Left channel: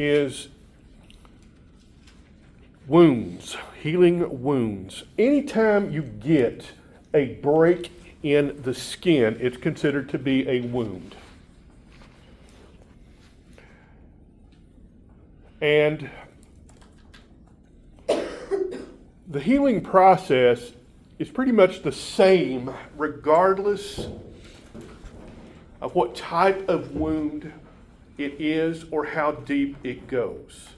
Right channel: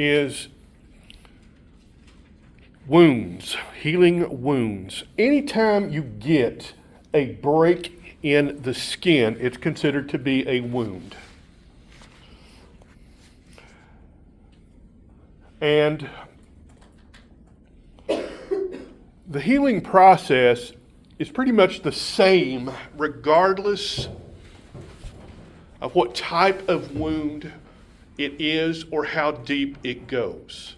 is wounds, healing wounds. Anytime you get a break in the skin, it's considered to be a wound. And the healing process is pretty much the same regardless of what type of wound it is or how deep it goes.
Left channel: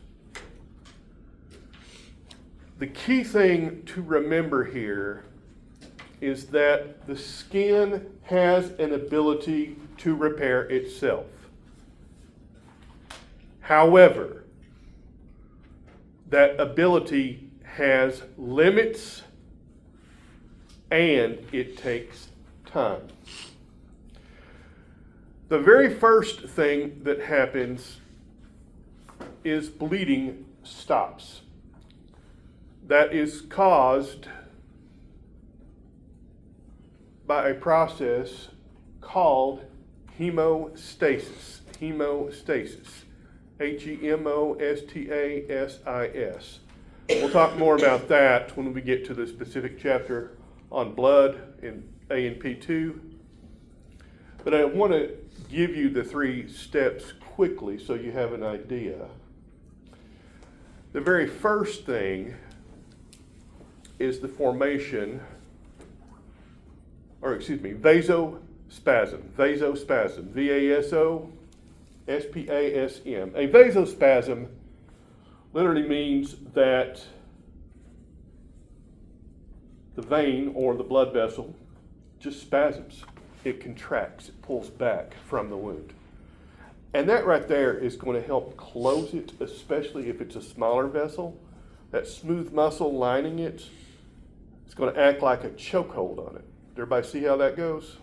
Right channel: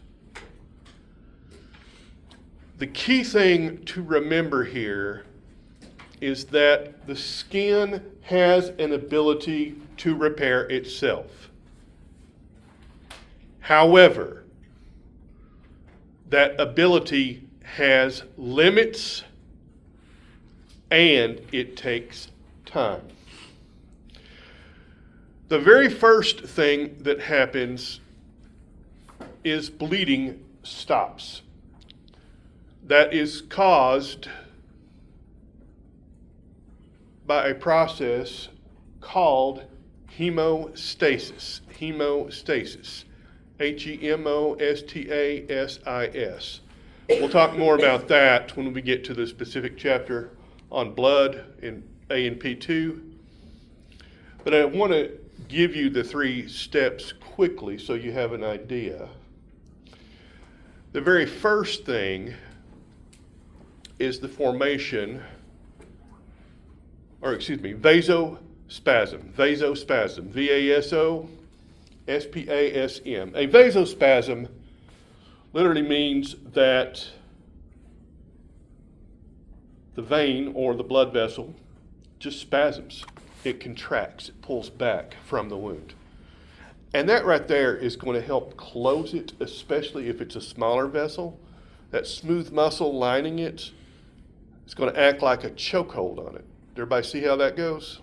The key thing to remember here is that the skin has an ability to repair itself. However, that ability has limits and it takes time. The very first thing that happens is bleeding stops. That is caused by a process called hemostasis. Hemostasis. Hemostasis. We'll talk more about that when we get to the specific chapter on blood in A&P 2. But I want to give you the 3 steps quickly so you have an idea. The very first thing is the formation, vasospasm. Vasospasm. V-A-S-O-S-P-A-S-M. A vasospasm literally means that the vein or the blood vessel just spasms. It contracts, it pulls back from the wound. And that right there is going to help close it, especially if it's a smaller vessel. That smooth muscle lining it is going to act like a chokehold on it. Everybody see how that goes?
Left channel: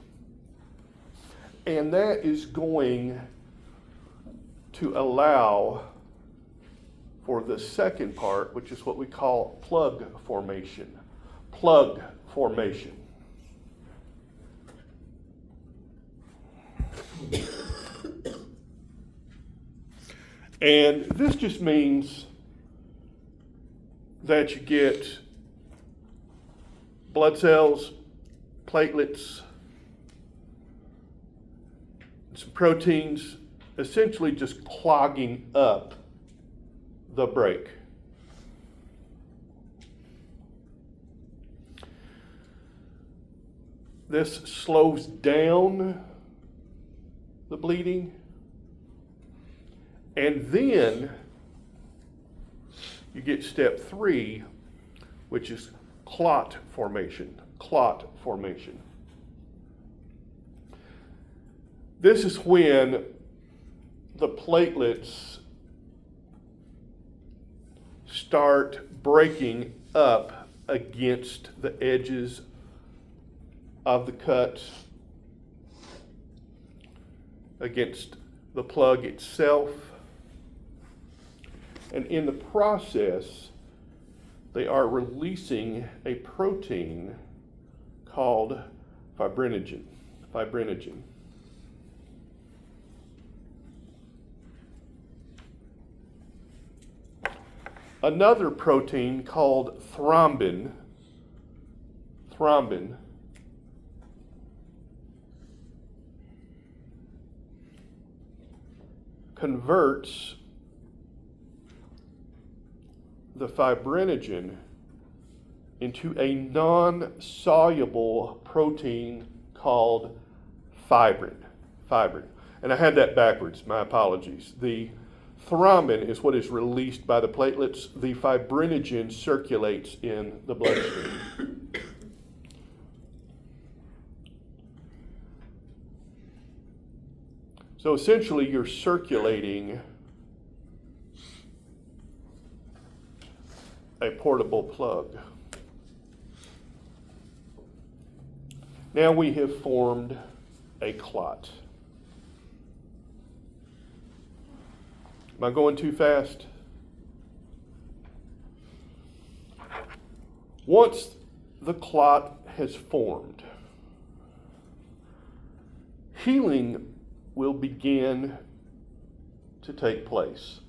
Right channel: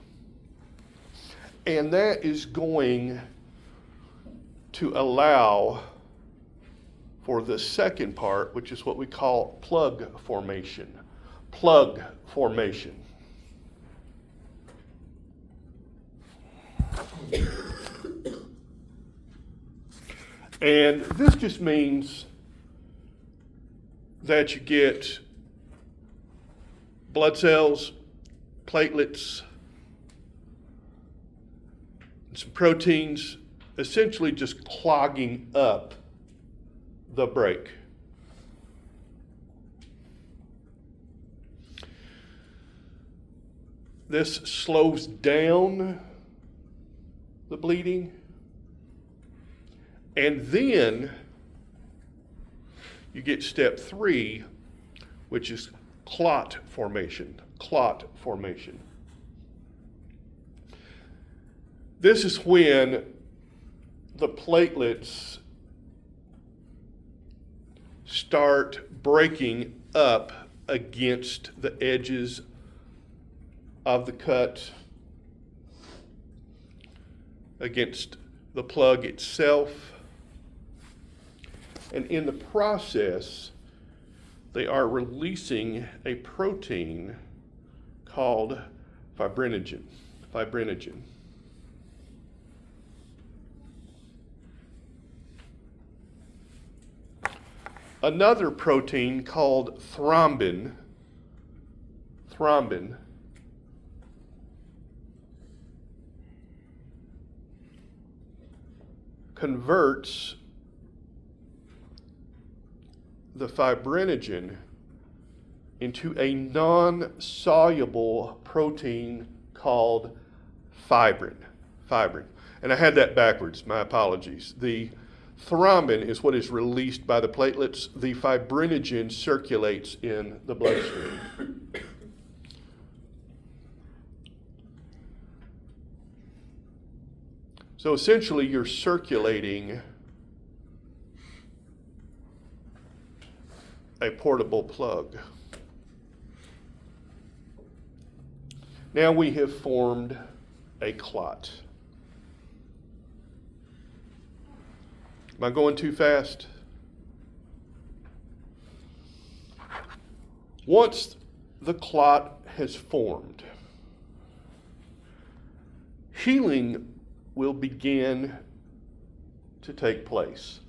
And that is going to allow for the second part, which is what we call plug formation. Plug formation. And this just means that you get blood cells, platelets, and some proteins essentially just clogging up the break. This slows down the bleeding, and then you get step 3, which is clot formation. Clot formation. This is when the platelets start breaking up against the edges of the cut, against the plug itself. And in the process, they are releasing a protein called fibrinogen. Fibrinogen. Another protein called thrombin. Thrombin converts the fibrinogen into a non-soluble protein called fibrin. Fibrin. And I had that backwards, my apologies. The thrombin is what is released by the platelets. The fibrinogen circulates in the bloodstream. So essentially you're circulating a portable plug. Now we have formed a clot. Am I going too fast? Once the clot has formed, healing will begin to take place.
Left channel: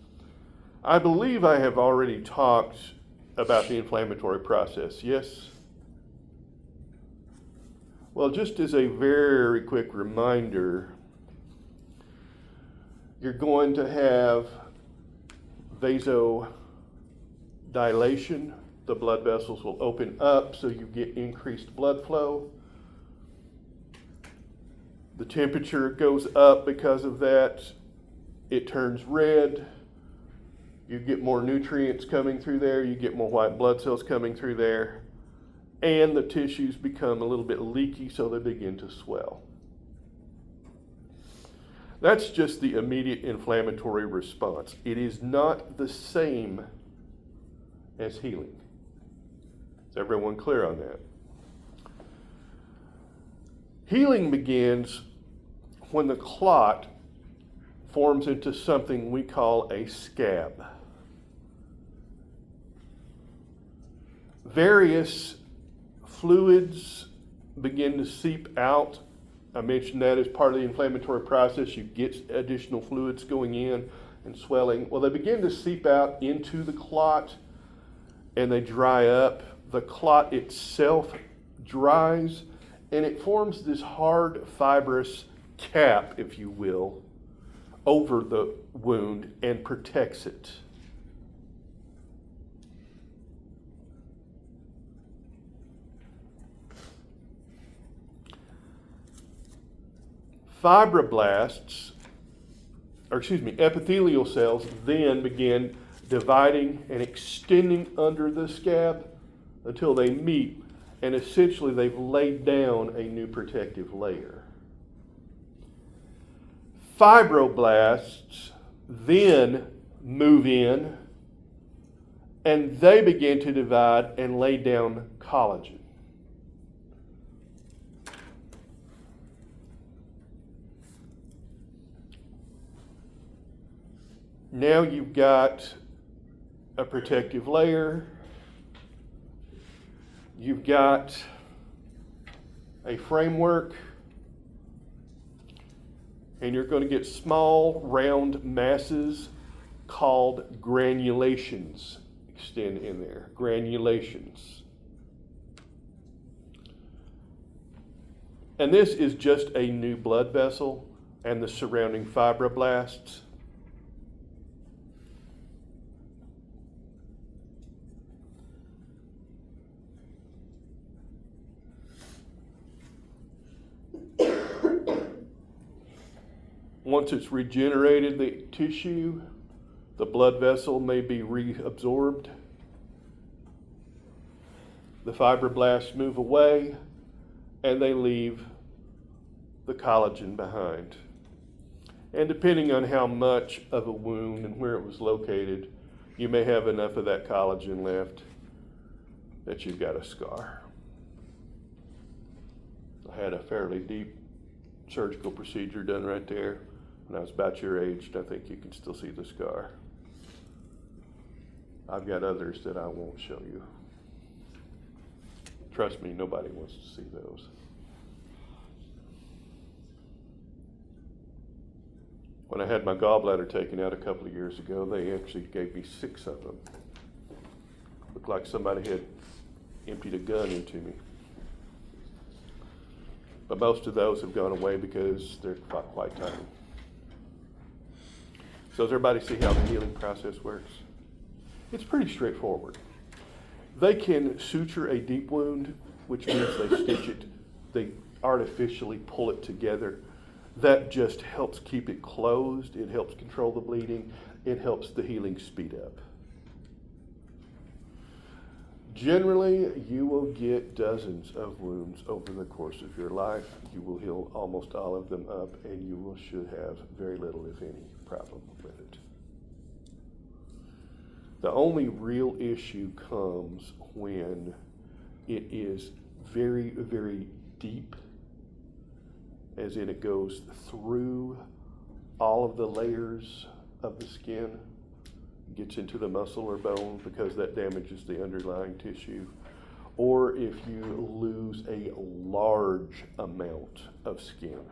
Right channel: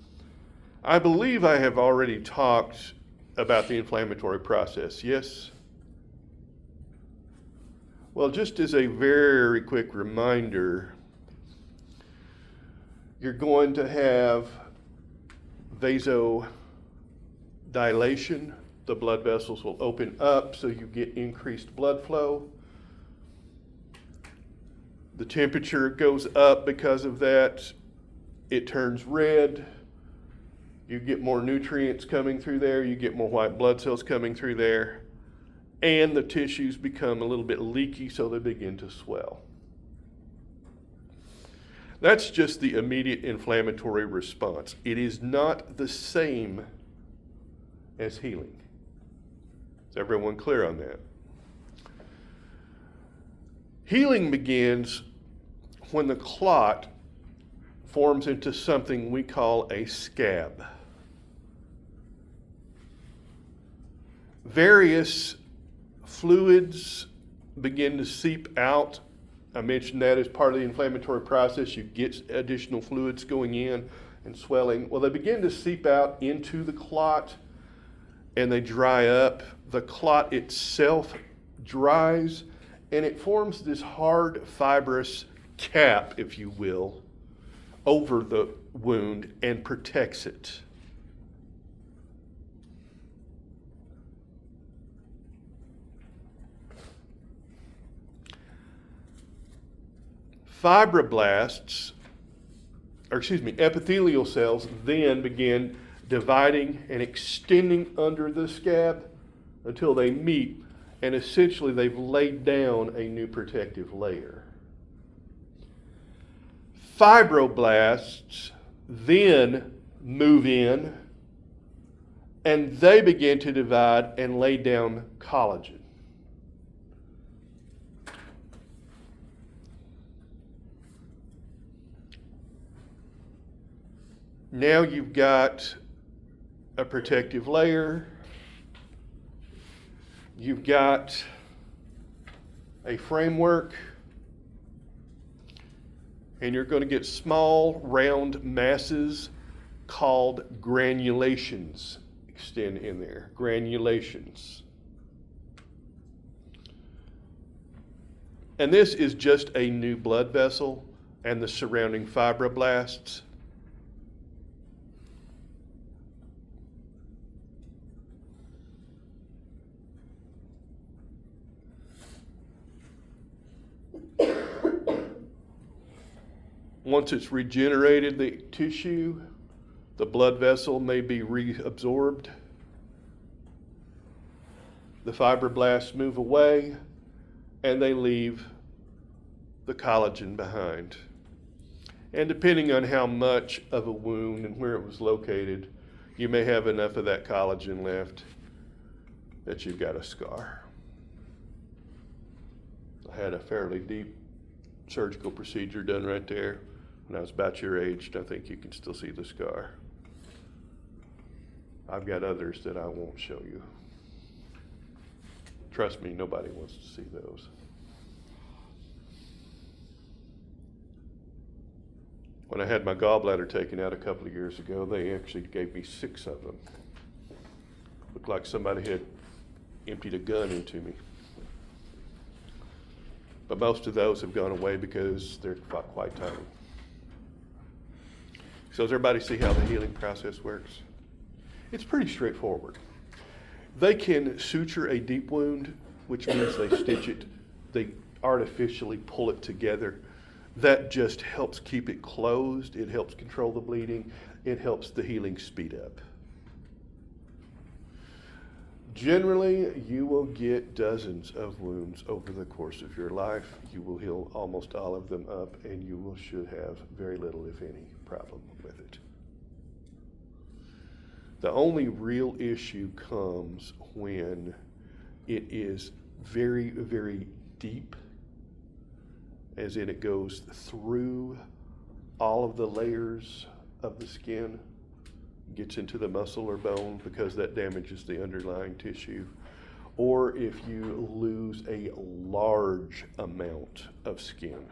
I believe I have already talked about the inflammatory process, yes? Well, just as a very quick reminder, you're going to have vasodilation. The blood vessels will open up so you get increased blood flow. The temperature goes up because of that. It turns red. You get more nutrients coming through there. You get more white blood cells coming through there. And the tissues become a little bit leaky, so they begin to swell. That's just the immediate inflammatory response. It is not the same as healing. Is everyone clear on that? Healing begins when the clot forms into something we call a scab. Various fluids begin to seep out. I mentioned that as part of the inflammatory process. You get additional fluids going in and swelling. Well, they begin to seep out into the clot and they dry up. The clot itself dries and it forms this hard fibrous cap, if you will, over the wound and protects it. Epithelial cells then begin dividing and extending under the scab until they meet, and essentially they've laid down a new protective layer. Fibroblasts then move in and they begin to divide and lay down collagen. Now you've got a protective layer, you've got a framework, and you're going to get small round masses called granulations extend in there, granulations. And this is just a new blood vessel and the surrounding fibroblasts. Once it's regenerated the tissue, the blood vessel may be reabsorbed. The fibroblasts move away and they leave the collagen behind. And depending on how much of a wound and where it was located, you may have enough of that collagen left that you've got a scar. I had a fairly deep surgical procedure done right there when I was about your age. I think you can still see the scar. I've got others that I won't show you. Trust me, nobody wants to see those. When I had my gallbladder taken out a couple of years ago, they actually gave me 6 of them. Looked like somebody had emptied a gun into me. But most of those have gone away because they're quite tiny. So does everybody see how the healing process works? It's pretty straightforward. They can suture a deep wound, which means they stitch it, they artificially pull it together. That just helps keep it closed. It helps control the bleeding. It helps the healing speed up. Generally, you will get dozens of wounds over the course of your life. You will heal almost all of them up, and you should have very little, if any, problem with it. The only real issue comes when it is very, very deep, as in it goes through all of the layers of the skin, gets into the muscle or bone because that damages the underlying tissue, or if you lose a large amount of skin.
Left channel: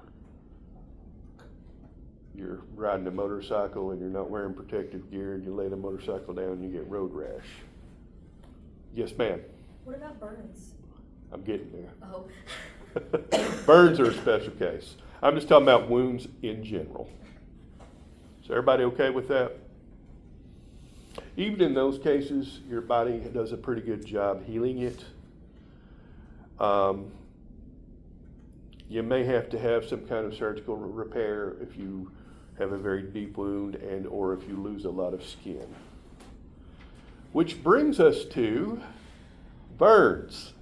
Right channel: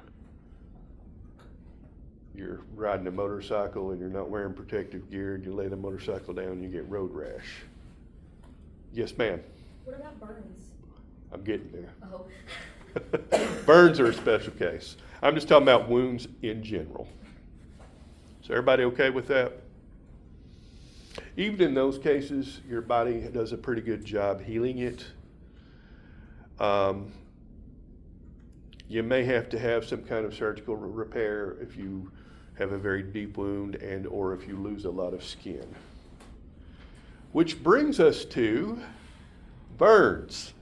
you're riding a motorcycle and you're not wearing protective gear and you lay the motorcycle down and you get road rash. Yes, ma'am. What about burns? I'm getting there. Oh. Burns are a special case. I'm just talking about wounds in general. Is everybody okay with that? Even in those cases, your body does a pretty good job healing it. You may have to have some kind of surgical repair if you have a very deep wound and or if you lose a lot of skin. Which brings us to burns.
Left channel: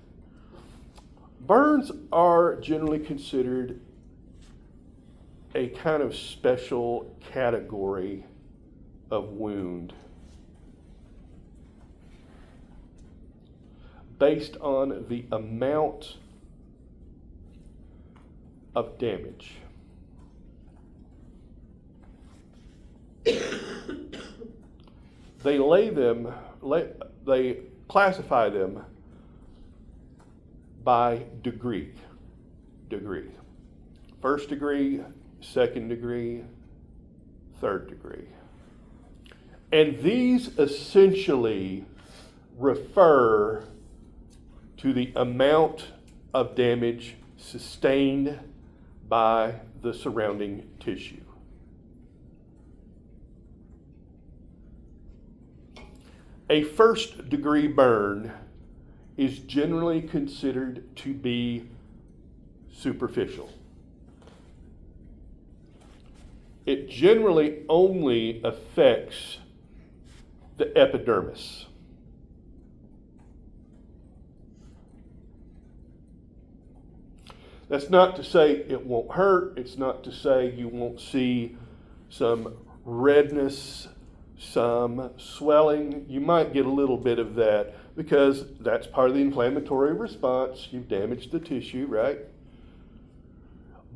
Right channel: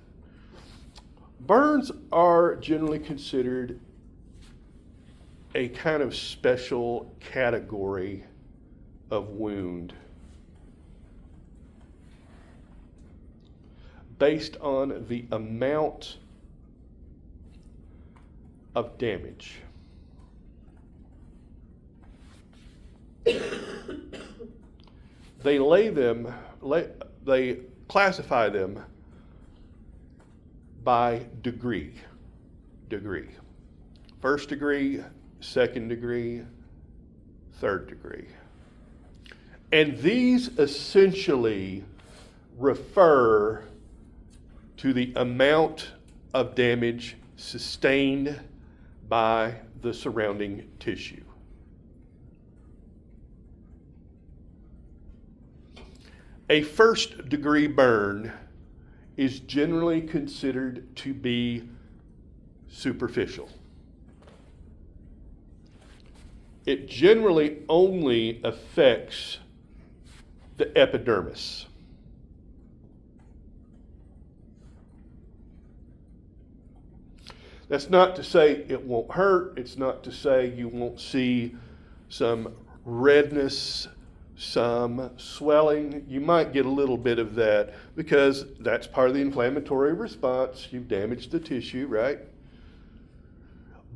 Burns are generally considered a kind of special category of wound based on the amount of damage. They classify them by degree. First degree, second degree, third degree. And these essentially refer to the amount of damage sustained by the surrounding tissue. A first degree burn is generally considered to be superficial. It generally only affects the epidermis. That's not to say it won't hurt. It's not to say you won't see some redness, some swelling. You might get a little bit of that because that's part of the inflammatory response. You've damaged the tissue, right?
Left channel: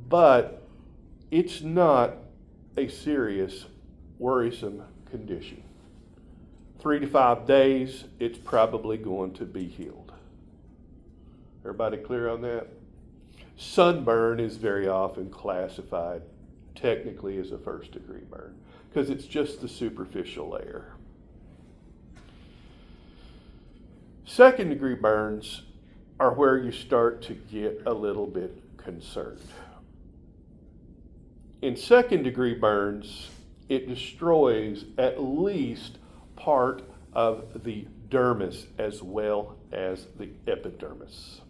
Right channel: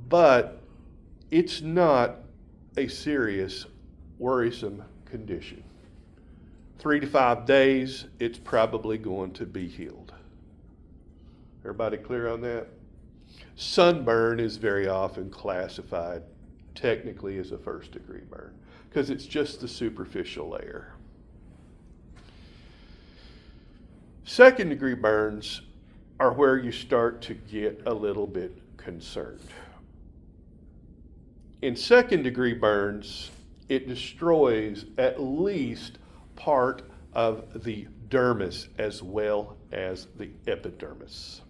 But it's not a serious, worrisome condition. 3 to 5 days, it's probably going to be healed. Everybody clear on that? Sunburn is very often classified technically as a first degree burn because it's just the superficial layer. Second degree burns are where you start to get a little bit concerned. In second degree burns, it destroys at least part of the dermis as well as the epidermis.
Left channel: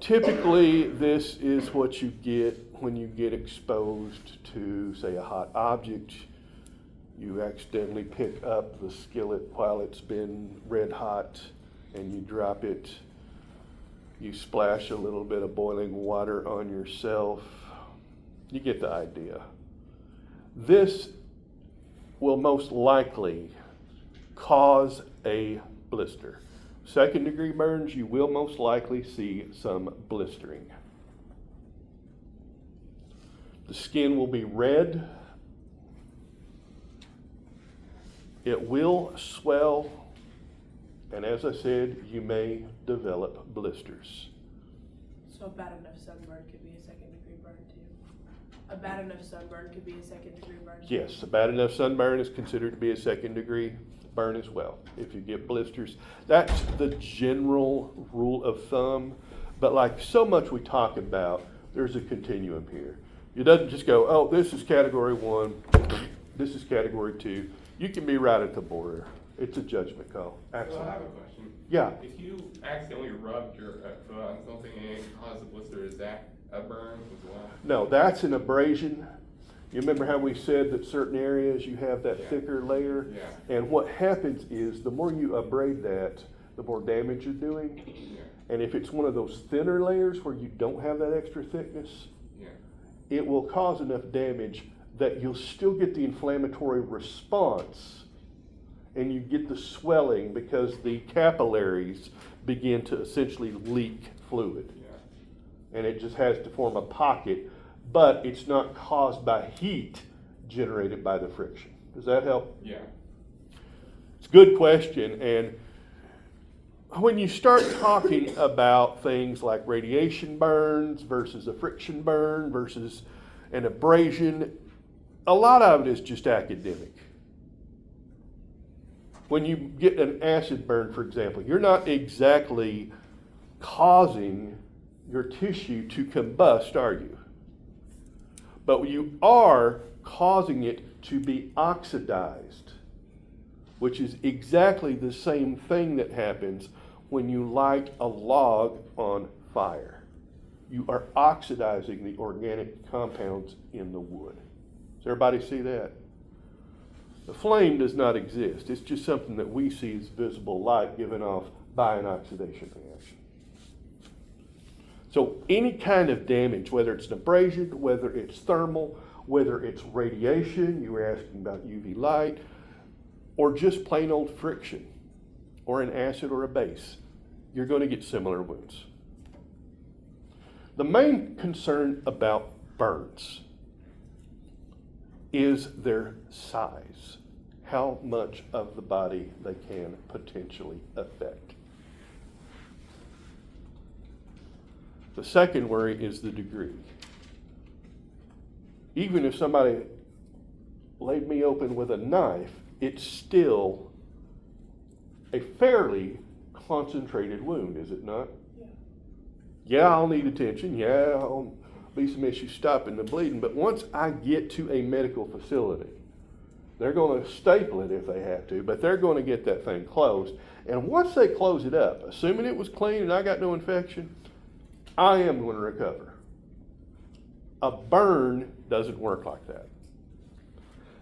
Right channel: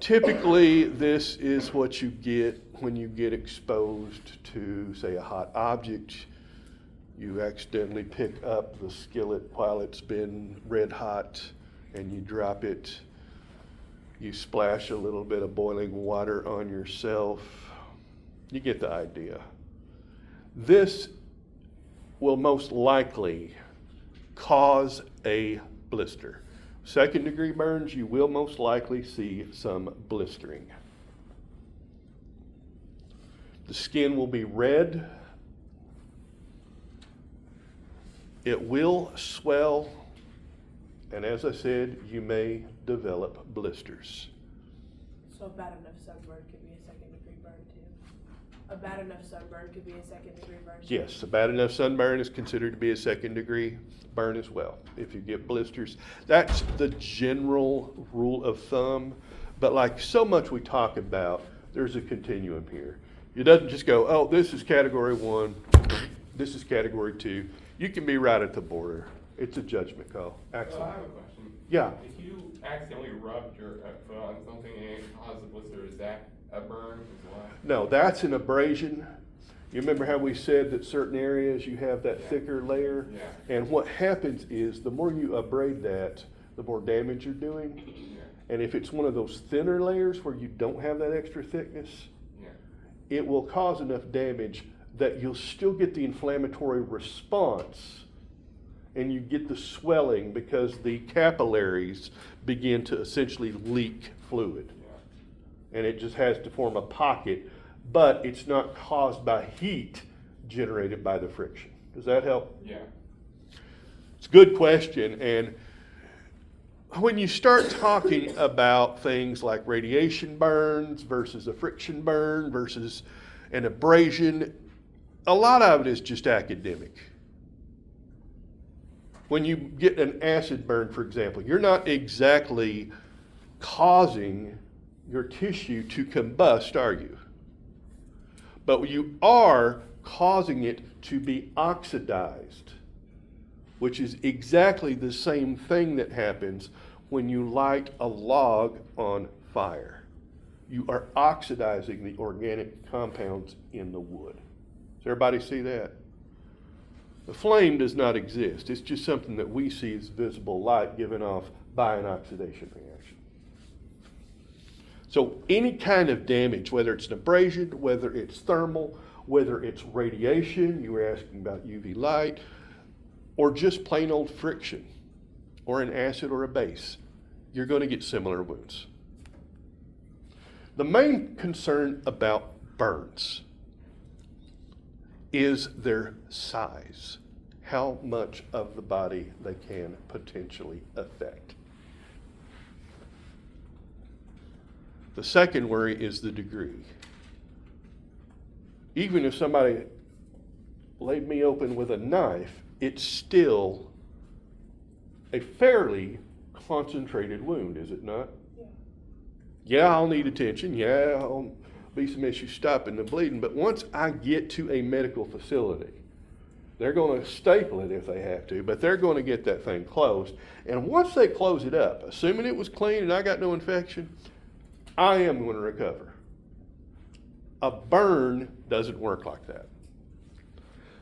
Typically, this is what you get when you get exposed to, say, a hot object. You accidentally pick up the skillet while it's been red hot and you drop it. You splash a little bit of boiling water on yourself. You get the idea. This will most likely cause a blister. Second degree burns, you will most likely see some blistering. The skin will be red. It will swell. And as I said, you may develop blisters. So a bad enough sunburn could be a second degree burn too? A bad enough sunburn could be a second degree burn too? Yes, a bad enough sunburn is considered to be a second degree burn as well. If you get blisters, that's the general rule of thumb. But like so much we talk about, there's a continuum here. It doesn't just go, oh, this is category 1, this is category 2. You can be right at the border. It's a judgment call. Axel? Well, I have a question. Yeah. If you accidentally rubbed your foot on something and it caused a blister, is that a burn as well? No, that's an abrasion. You remember how we said that certain areas you have that Yeah. thicker layer? Yeah. And what happens is the more you abrade that, the more damage you're doing. Yeah. And if it's one of those thinner layers where you don't have that extra thickness, Yeah. it will cause enough damage that you'll still get the inflammatory response and you get the swelling because the capillaries begin to essentially leak fluid. Yeah. And it just has to form a pocket, but it's not caused by heat generated by the friction. Does that help? Yeah. It's a good question, and when you start talking about things like radiation burns versus a friction burn versus an abrasion, a lot of it is just academic. When you get an acid burn, for example, you're not exactly causing your tissue to combust, are you? But you are causing it to be oxidized, which is exactly the same thing that happens when you light a log on fire. You are oxidizing the organic compounds in the wood. Does everybody see that? The flame does not exist. It's just something that we see as visible light given off by an oxidation reaction. So any kind of damage, whether it's an abrasion, whether it's thermal, whether it's radiation, you were asking about UV light, or just plain old friction, or an acid or a base, you're going to get similar wounds. The main concern about burns is their size, how much of the body they can potentially affect. The second worry is the degree. Even if somebody laid me open with a knife, it's still a fairly concentrated wound, is it not? Yeah, I'll need attention. Yeah, I'll be some issues stopping the bleeding. But once I get to a medical facility, they're going to staple it if they have to, but they're going to get that thing closed. And once they close it up, assuming it was clean and I got no infection, I am going to recover. A burn doesn't work like that,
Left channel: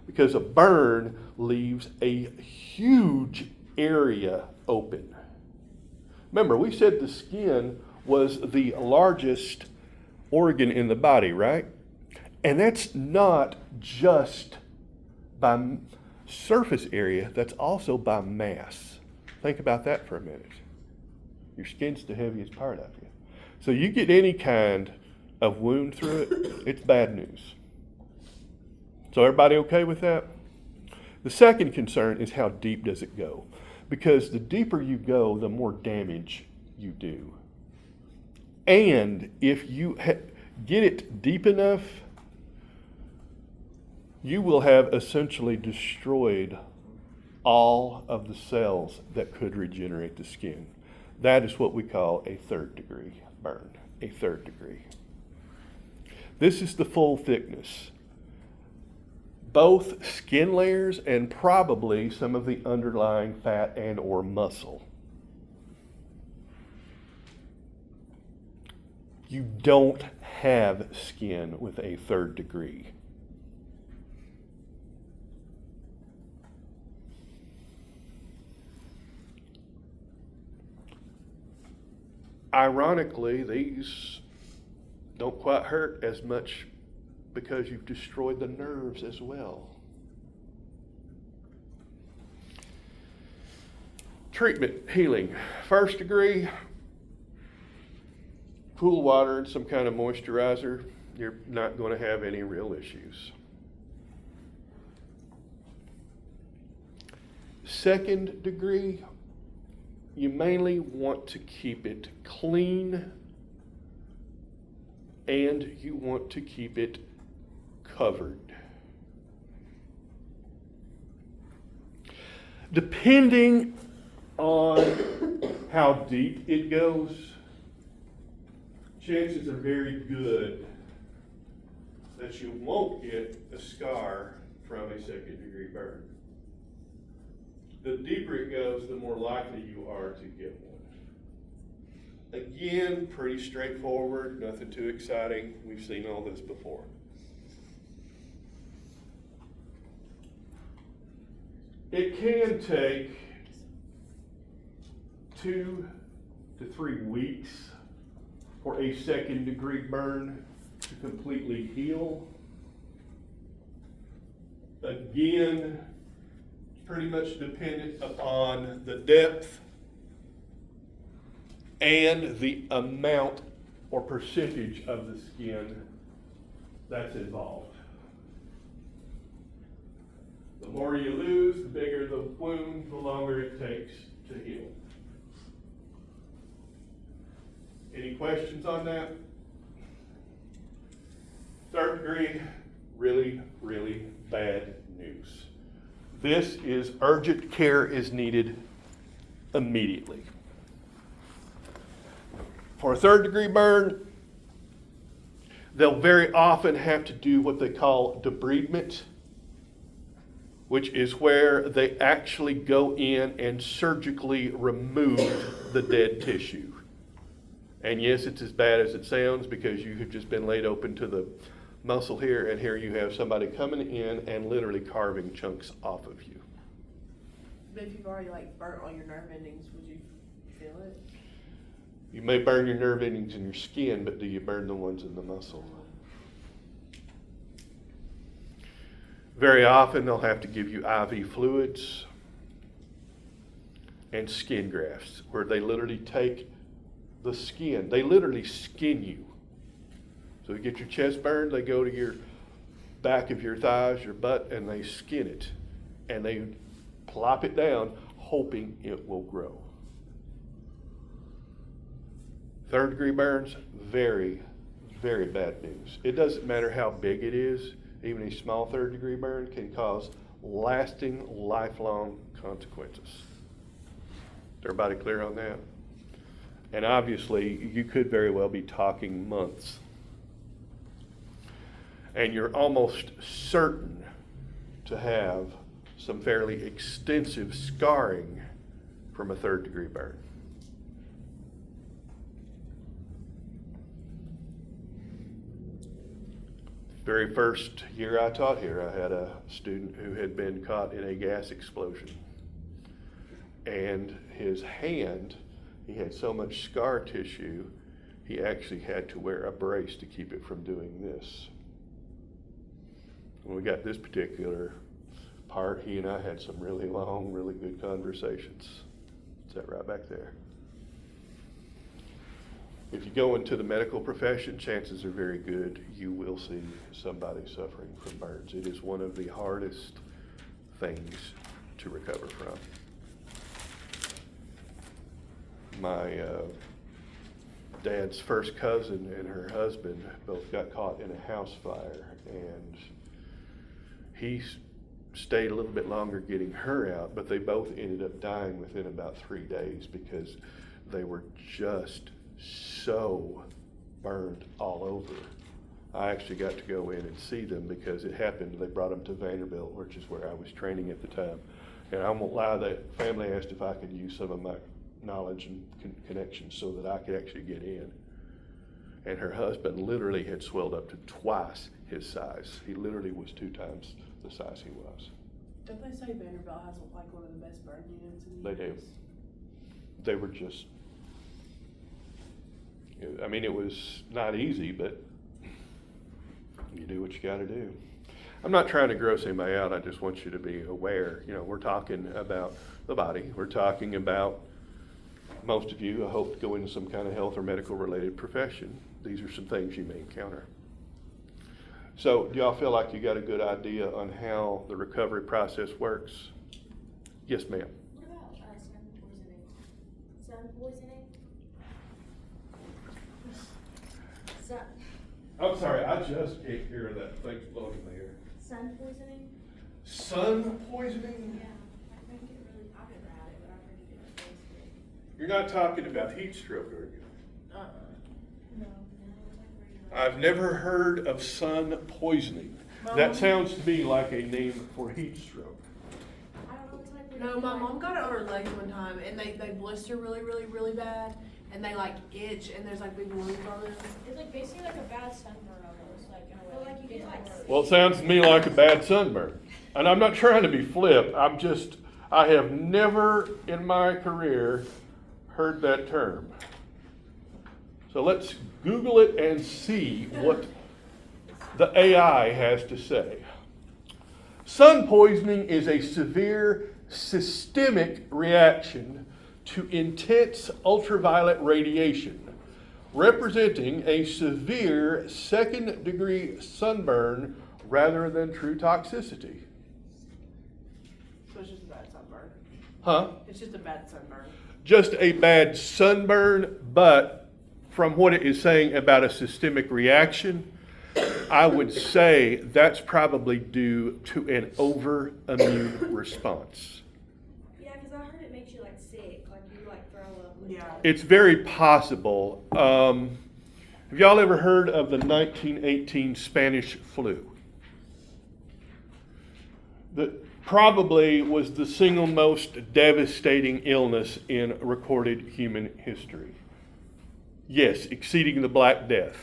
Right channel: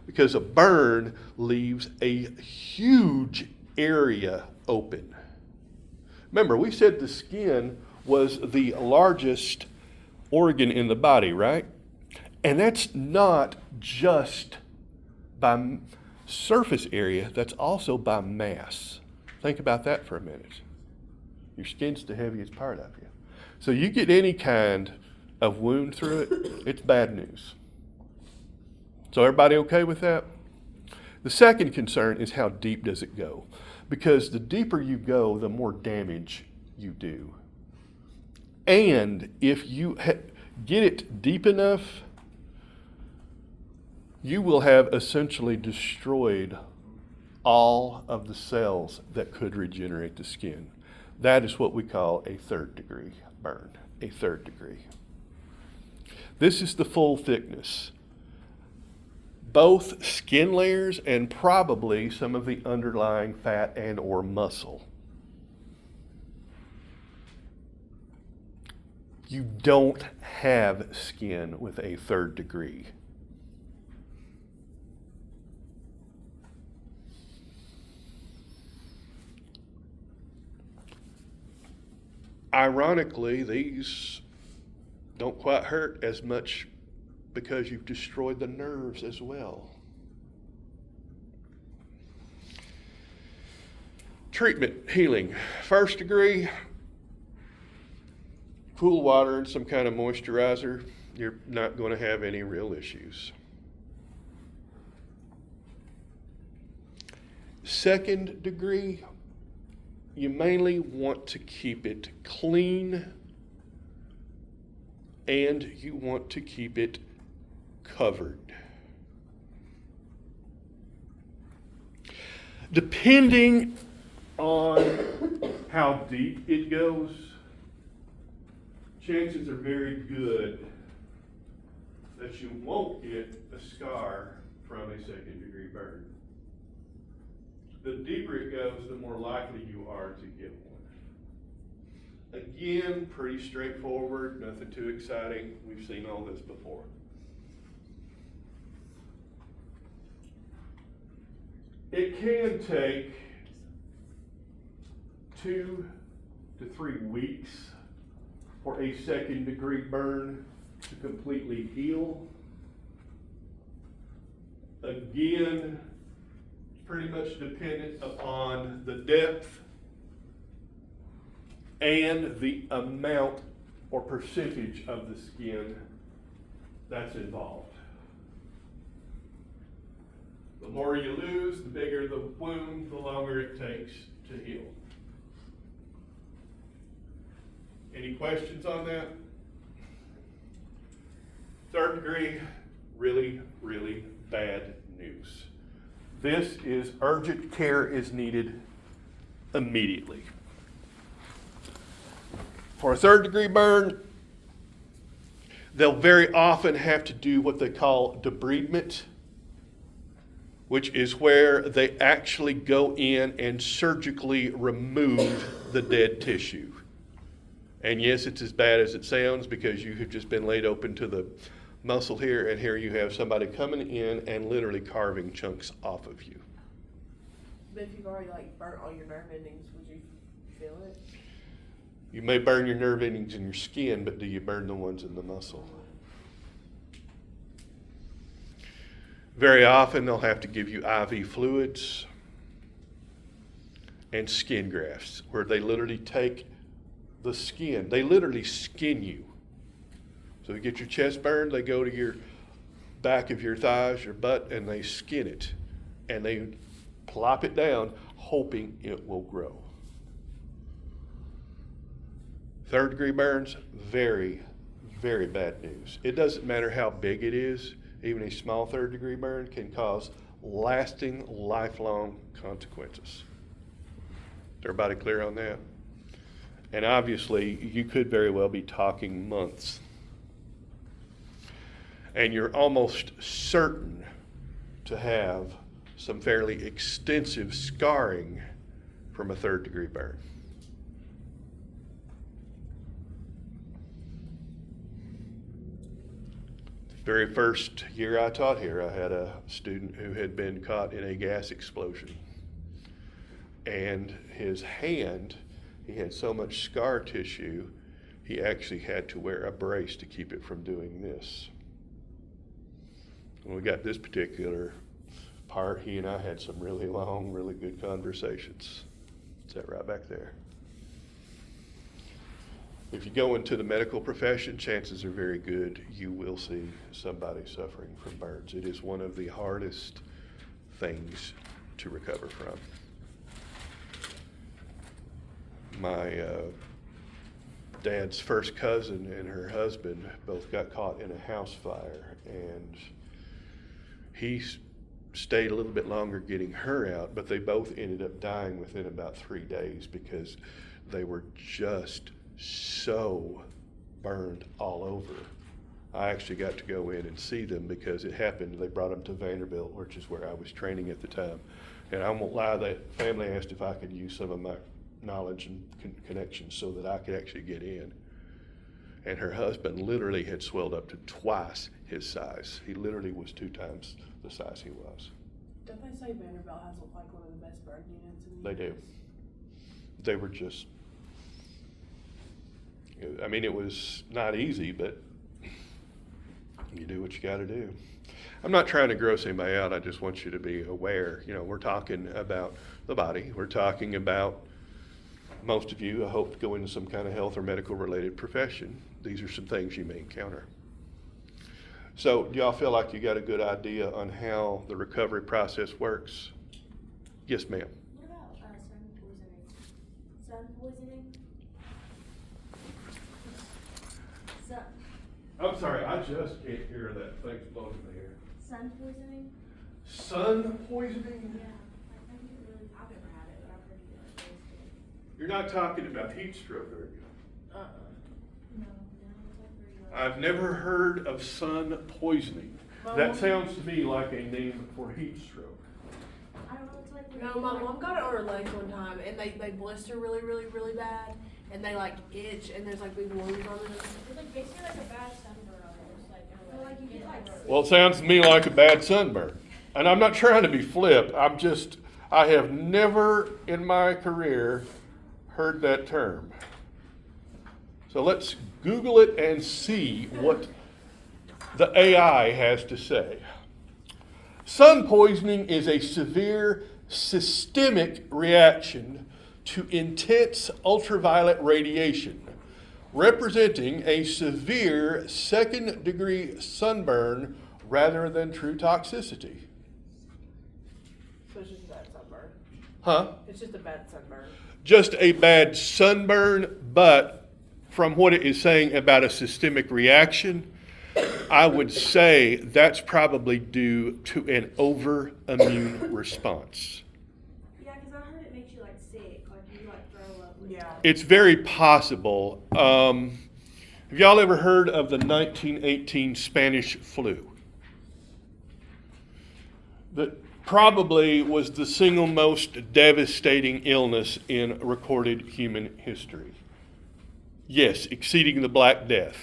because a burn leaves a huge area open. Remember, we said the skin was the largest organ in the body, right? And that's not just by surface area, that's also by mass. Think about that for a minute. Your skin's the heaviest part of you. So you get any kind of wound through it, it's bad news. So everybody okay with that? The second concern is how deep does it go? Because the deeper you go, the more damage you do. And if you get it deep enough, you will have essentially destroyed all of the cells that could regenerate the skin. That is what we call a third degree burn, a third degree. This is the full thickness. Both skin layers and probably some of the underlying fat and or muscle. You don't have skin with a third degree. Ironically, these don't quite hurt as much because you've destroyed the nerves as well. Treatment, healing. First degree, cool water and some kind of moisturizer. You're not going to have any real issues. Second degree, you mainly want to keep it clean and you want to keep it covered. Depending on how deep it goes, chances are very good that you won't get a scar from a second degree burn. The deeper it goes, the more likely you are to get one. Again, pretty straightforward, nothing too exciting. We've seen all this before. It can take 2 to 3 weeks for a second degree burn to completely heal. Again, pretty much dependent upon the depth and the amount or percentage of the skin that's involved. The more you lose, the bigger the wound, the longer it takes to heal. Any questions on that? Third degree, really, really bad news. This is urgent care is needed immediately. For a third degree burn, they'll very often have to do what they call debridement, which is where they actually go in and surgically remove the dead tissue. And yes, it's as bad as it sounds because you have just been laid open to the muscle here, and here you have somebody coming in and literally carving chunks off of you. But if you've already like burnt all your nerve endings, would you feel it? You may burn your nerve endings in your skin, but do you burn the ones in the muscle? Very often they'll have to give you IV fluids and skin grafts, where they literally take the skin, they literally skin you. So you get your chest burned, they go to your back of your thighs, your butt, and they skin it. And they plop it down, hoping it will grow. Third degree burns, very, very bad news. It doesn't matter how big it is, even a small third degree burn can cause lasting, lifelong consequences. Is everybody clear on that? And obviously, you could very well be talking months. And you're almost certain to have some fairly extensive scarring from a third degree burn. Very first year I taught here, I had a student who had been caught in a gas explosion. And his hand, he had so much scar tissue, he actually had to wear a brace to keep it from doing this. When we got this particular part, he and I had some really long, really good conversations. Is that right back there? If you go into the medical profession, chances are very good you will see somebody suffering from burns. It is one of the hardest things to recover from. My dad's first cousin and her husband both got caught in a house fire, and he stayed a little bit longer getting her out, but they both ended up dying within about 3 days because they were just so burned all over. I actually got to go in and see them because it happened. They brought them to Vanderbilt, which is where I was training at the time. And I won't lie, that family asked if I could use some of my knowledge and connections so that I could actually get in. And her husband literally had swelled up to twice his size. He literally was 2 times the size he was. Don't they say Vanderbilt has like one of the best burn units in the They do. US? They were just, I mean, it was not easy, but you do what you got to do. I'm not trying to gross anybody out. I just want you to be aware. You know, we're talking about the body. We're talking about, most of you, I hope, go into some kind of health or medical related profession. These are some things you may encounter. So, do y'all feel like you got a good idea on how the recovery process works? Yes, ma'am. What about sun poisoning? Sun poisoning? I'm sorry, I just can't hear that thing floating in the air. Sun poisoning? Sun poisoning? Yeah. I think it really, I've never had it, but I've heard it gets wasted. You're not talking about heat stroke, are you? No. I've never heard of sun poisoning. That sounds to me like a name for heat stroke. I don't know, it's like. No, my mom got it on her legs one time, and they blister really, really, really bad, and they like itch, and there's like big wounds on them. It's like basically like a bad sunburn almost, like in a way. Like you get like. Well, it sounds to me like a bad sunburn. And I'm not trying to be flip. I have never in my career heard that term. So let's Google it and see what the AI has to say. Sun poisoning is a severe systemic reaction to intense ultraviolet radiation, representing a severe second-degree sunburn rather than true toxicity. So it's just a bad sunburn. Huh? It's just a bad sunburn. Just a bad sunburn, but from what it is saying about a systemic reaction, I would say that's probably due to an over-immune response. Yeah, because I heard it makes you like sick, like you like throw up. Yeah. It's very possible. Have y'all ever heard of the 1918 Spanish flu? That probably was the single most devastating illness in recorded human history. Yes, exceeding the Black Death.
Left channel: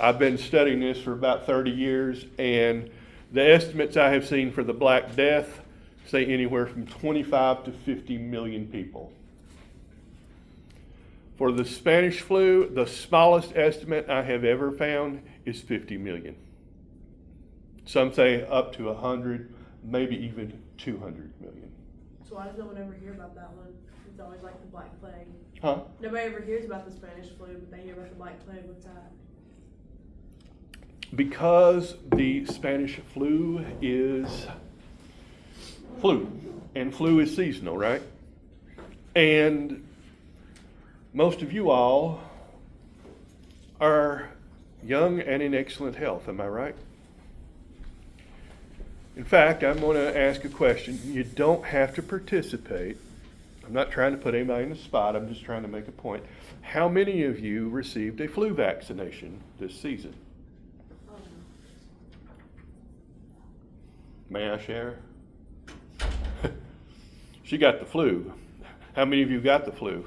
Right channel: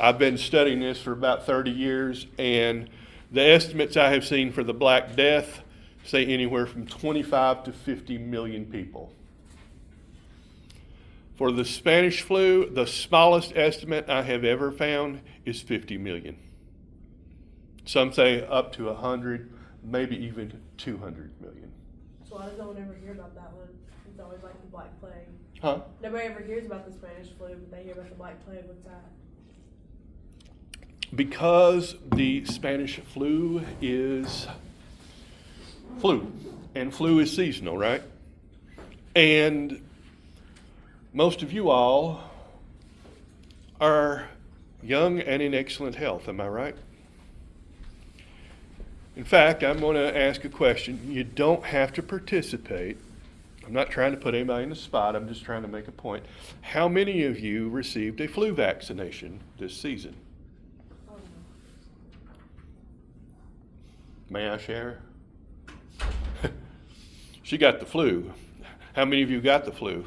I've been studying this for about 30 years, and the estimates I have seen for the Black Death say anywhere from 25 to 50 million people. For the Spanish flu, the smallest estimate I have ever found is 50 million. Some say up to 100, maybe even 200 million. So why does no one ever hear about that one? It's always like the Black Plague. Huh? Nobody ever hears about the Spanish flu, but they hear about the Black Plague. What's that? Because the Spanish flu is flu, and flu is seasonal, right? And most of you all are young and in excellent health, am I right? In fact, I'm going to ask a question. You don't have to participate. I'm not trying to put anybody in the spot. I'm just trying to make a point. How many of you received a flu vaccination this season? May I share? She got the flu. How many of you got the flu?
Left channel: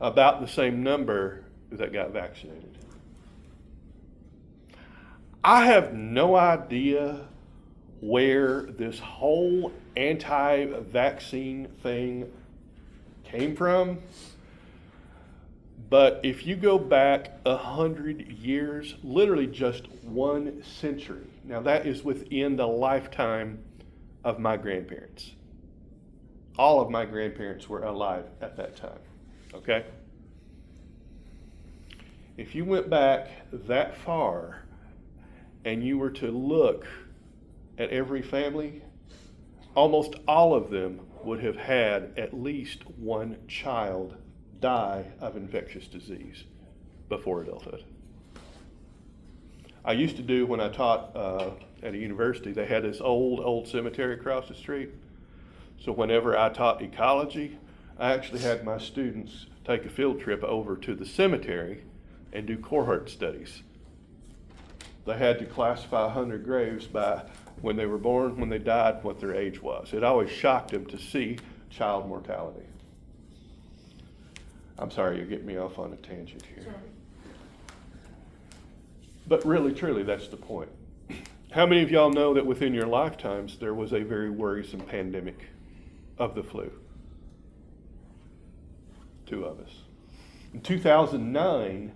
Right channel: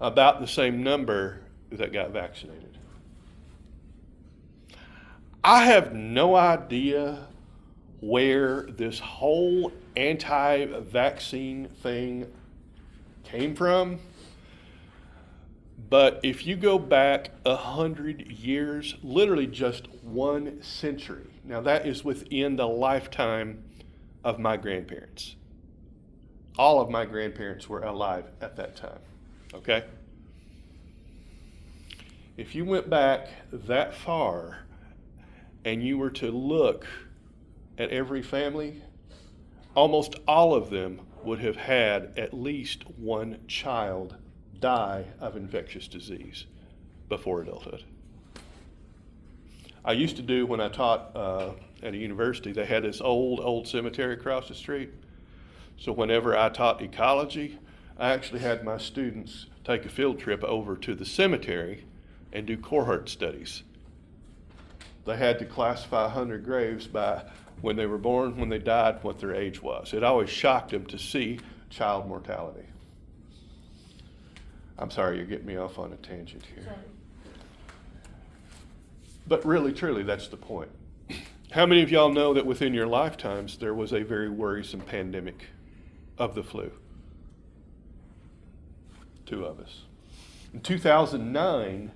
About the same number that got vaccinated. I have no idea where this whole anti-vaccine thing came from, but if you go back 100 years, literally just 1 century, now that is within the lifetime of my grandparents. All of my grandparents were alive at that time, okay? If you went back that far and you were to look at every family, almost all of them would have had at least one child die of infectious disease before adulthood. I used to do, when I taught at a university, they had this old cemetery across the street. So whenever I taught ecology, I actually had my students take a field trip over to the cemetery and do cohort studies. They had to classify 100 graves by when they were born, when they died, what their age was. It always shocked them to see child mortality. I'm sorry, you're getting me off on a tangent here. Sorry. But really, truly, that's the point. How many of y'all know that within your lifetimes there was a very worrisome pandemic of the flu? 2 of us. In 2009,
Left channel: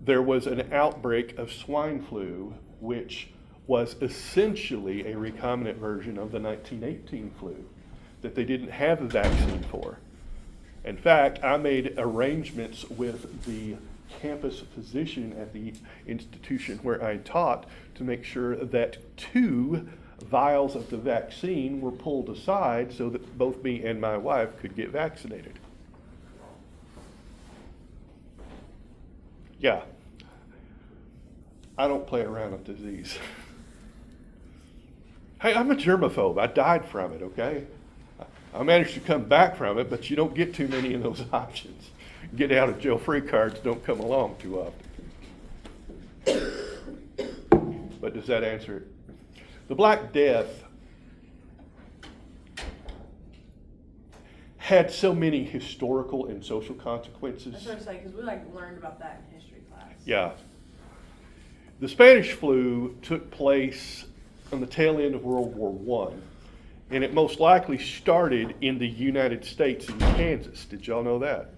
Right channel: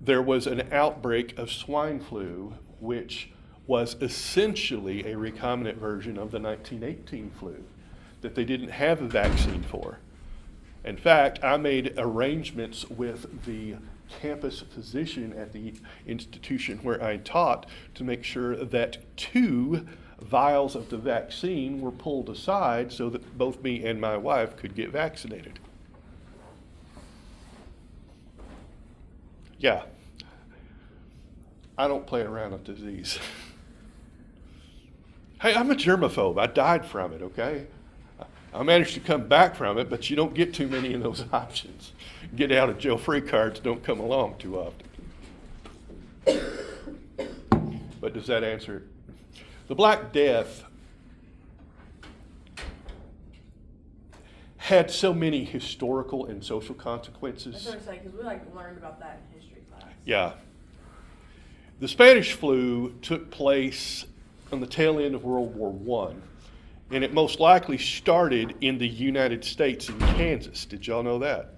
there was an outbreak of swine flu, which was essentially a recombinant version of the 1918 flu that they didn't have a vaccine for. In fact, I made arrangements with the campus physician at the institution where I taught to make sure that 2 vials of the vaccine were pulled aside so that both me and my wife could get vaccinated. Yeah, I don't play around with disease. Hey, I'm a germaphobe. I died from it, okay? I managed to come back from it, but you don't get too many of those options. Get out of jail free cards don't come along too often. But does that answer it? The Black Death had so many historical and social consequences. That's what I'm saying, because we learned about that in history class. Yeah. The Spanish flu took place on the tail end of World War I, and it most likely started in the United States in Kansas. Did y'all know that?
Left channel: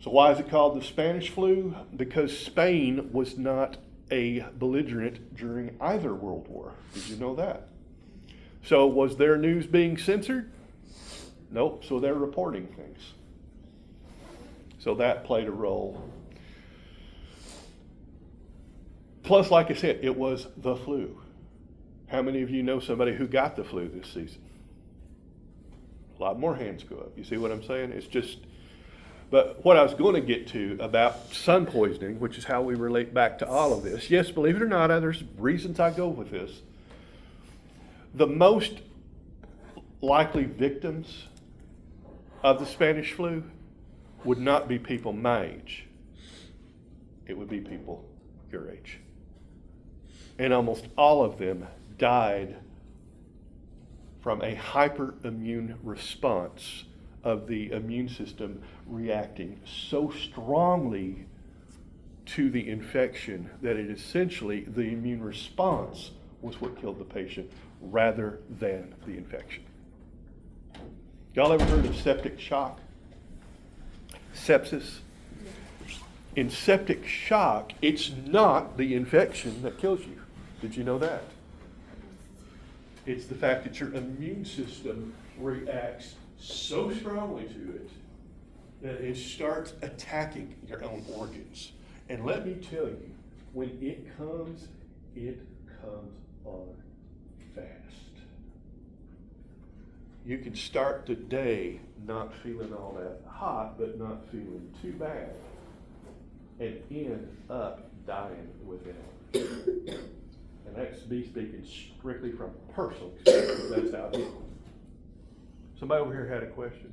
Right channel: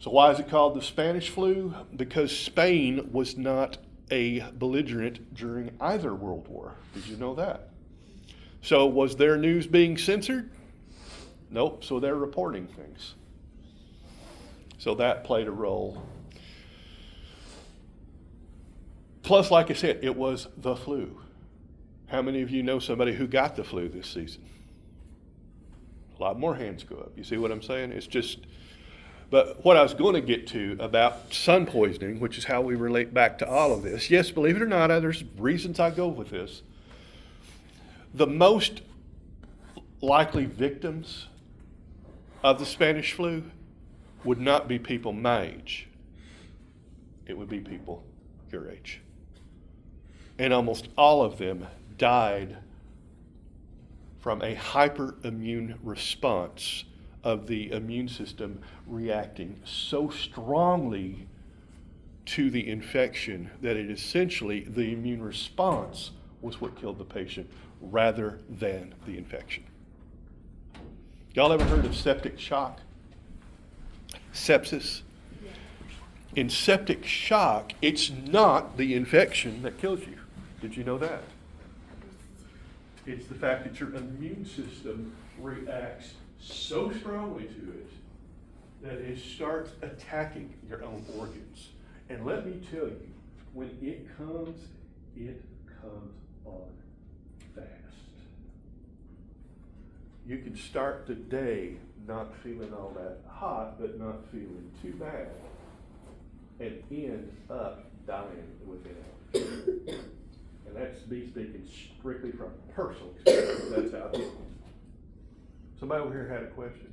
So why is it called the Spanish flu? Because Spain was not a belligerent during either World War. Did you know that? So was their news being censored? Nope, so they're reporting things. So that played a role. Plus, like I said, it was the flu. How many of you know somebody who got the flu this season? A lot more hands go up. You see what I'm saying? It's just, but what I was going to get to about sun poisoning, which is how we relate back to all of this. Yes, believe it or not, there's reasons I go with this. The most likely victims of the Spanish flu would not be people my age. It would be people your age. And almost all of them died from a hyperimmune response of the immune system reacting so strongly to the infection that it essentially, the immune response was what killed the patient rather than the infection. Y'all ever heard of septic shock? Sepsis? Yeah. In septic shock, it's not the infection that kills you. Did you know that? It's the fact that your immune system reacts so strongly to it that it starts attacking your own organs. And let me tell you, when it comes on fast. You can start the day not feeling all that hot, but not feeling too bad, and end up dying within hours. And that's me speaking strictly from personal experience. That's how it is. Somebody over here had a question.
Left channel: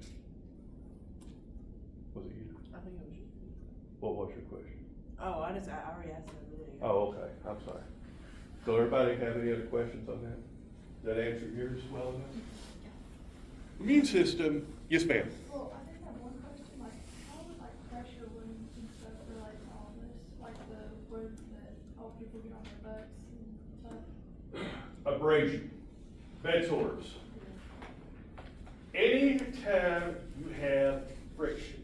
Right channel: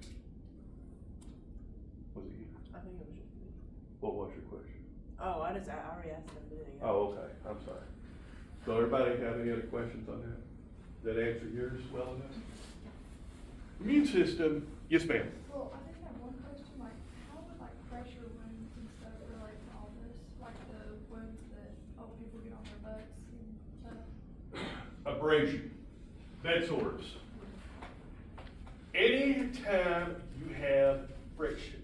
Was it you? I think it was just me. What was your question? Oh, I already asked it a minute ago. Oh, okay. I'm sorry. So everybody have any other questions on that? That answer yours well enough? Immune system, yes ma'am. Well, I think I have one question, like, how would like pressure wounds and stuff relate to all this? Like the wounds that old people get on their butts and stuff? Abrasion, bed sores. Anytime you have friction,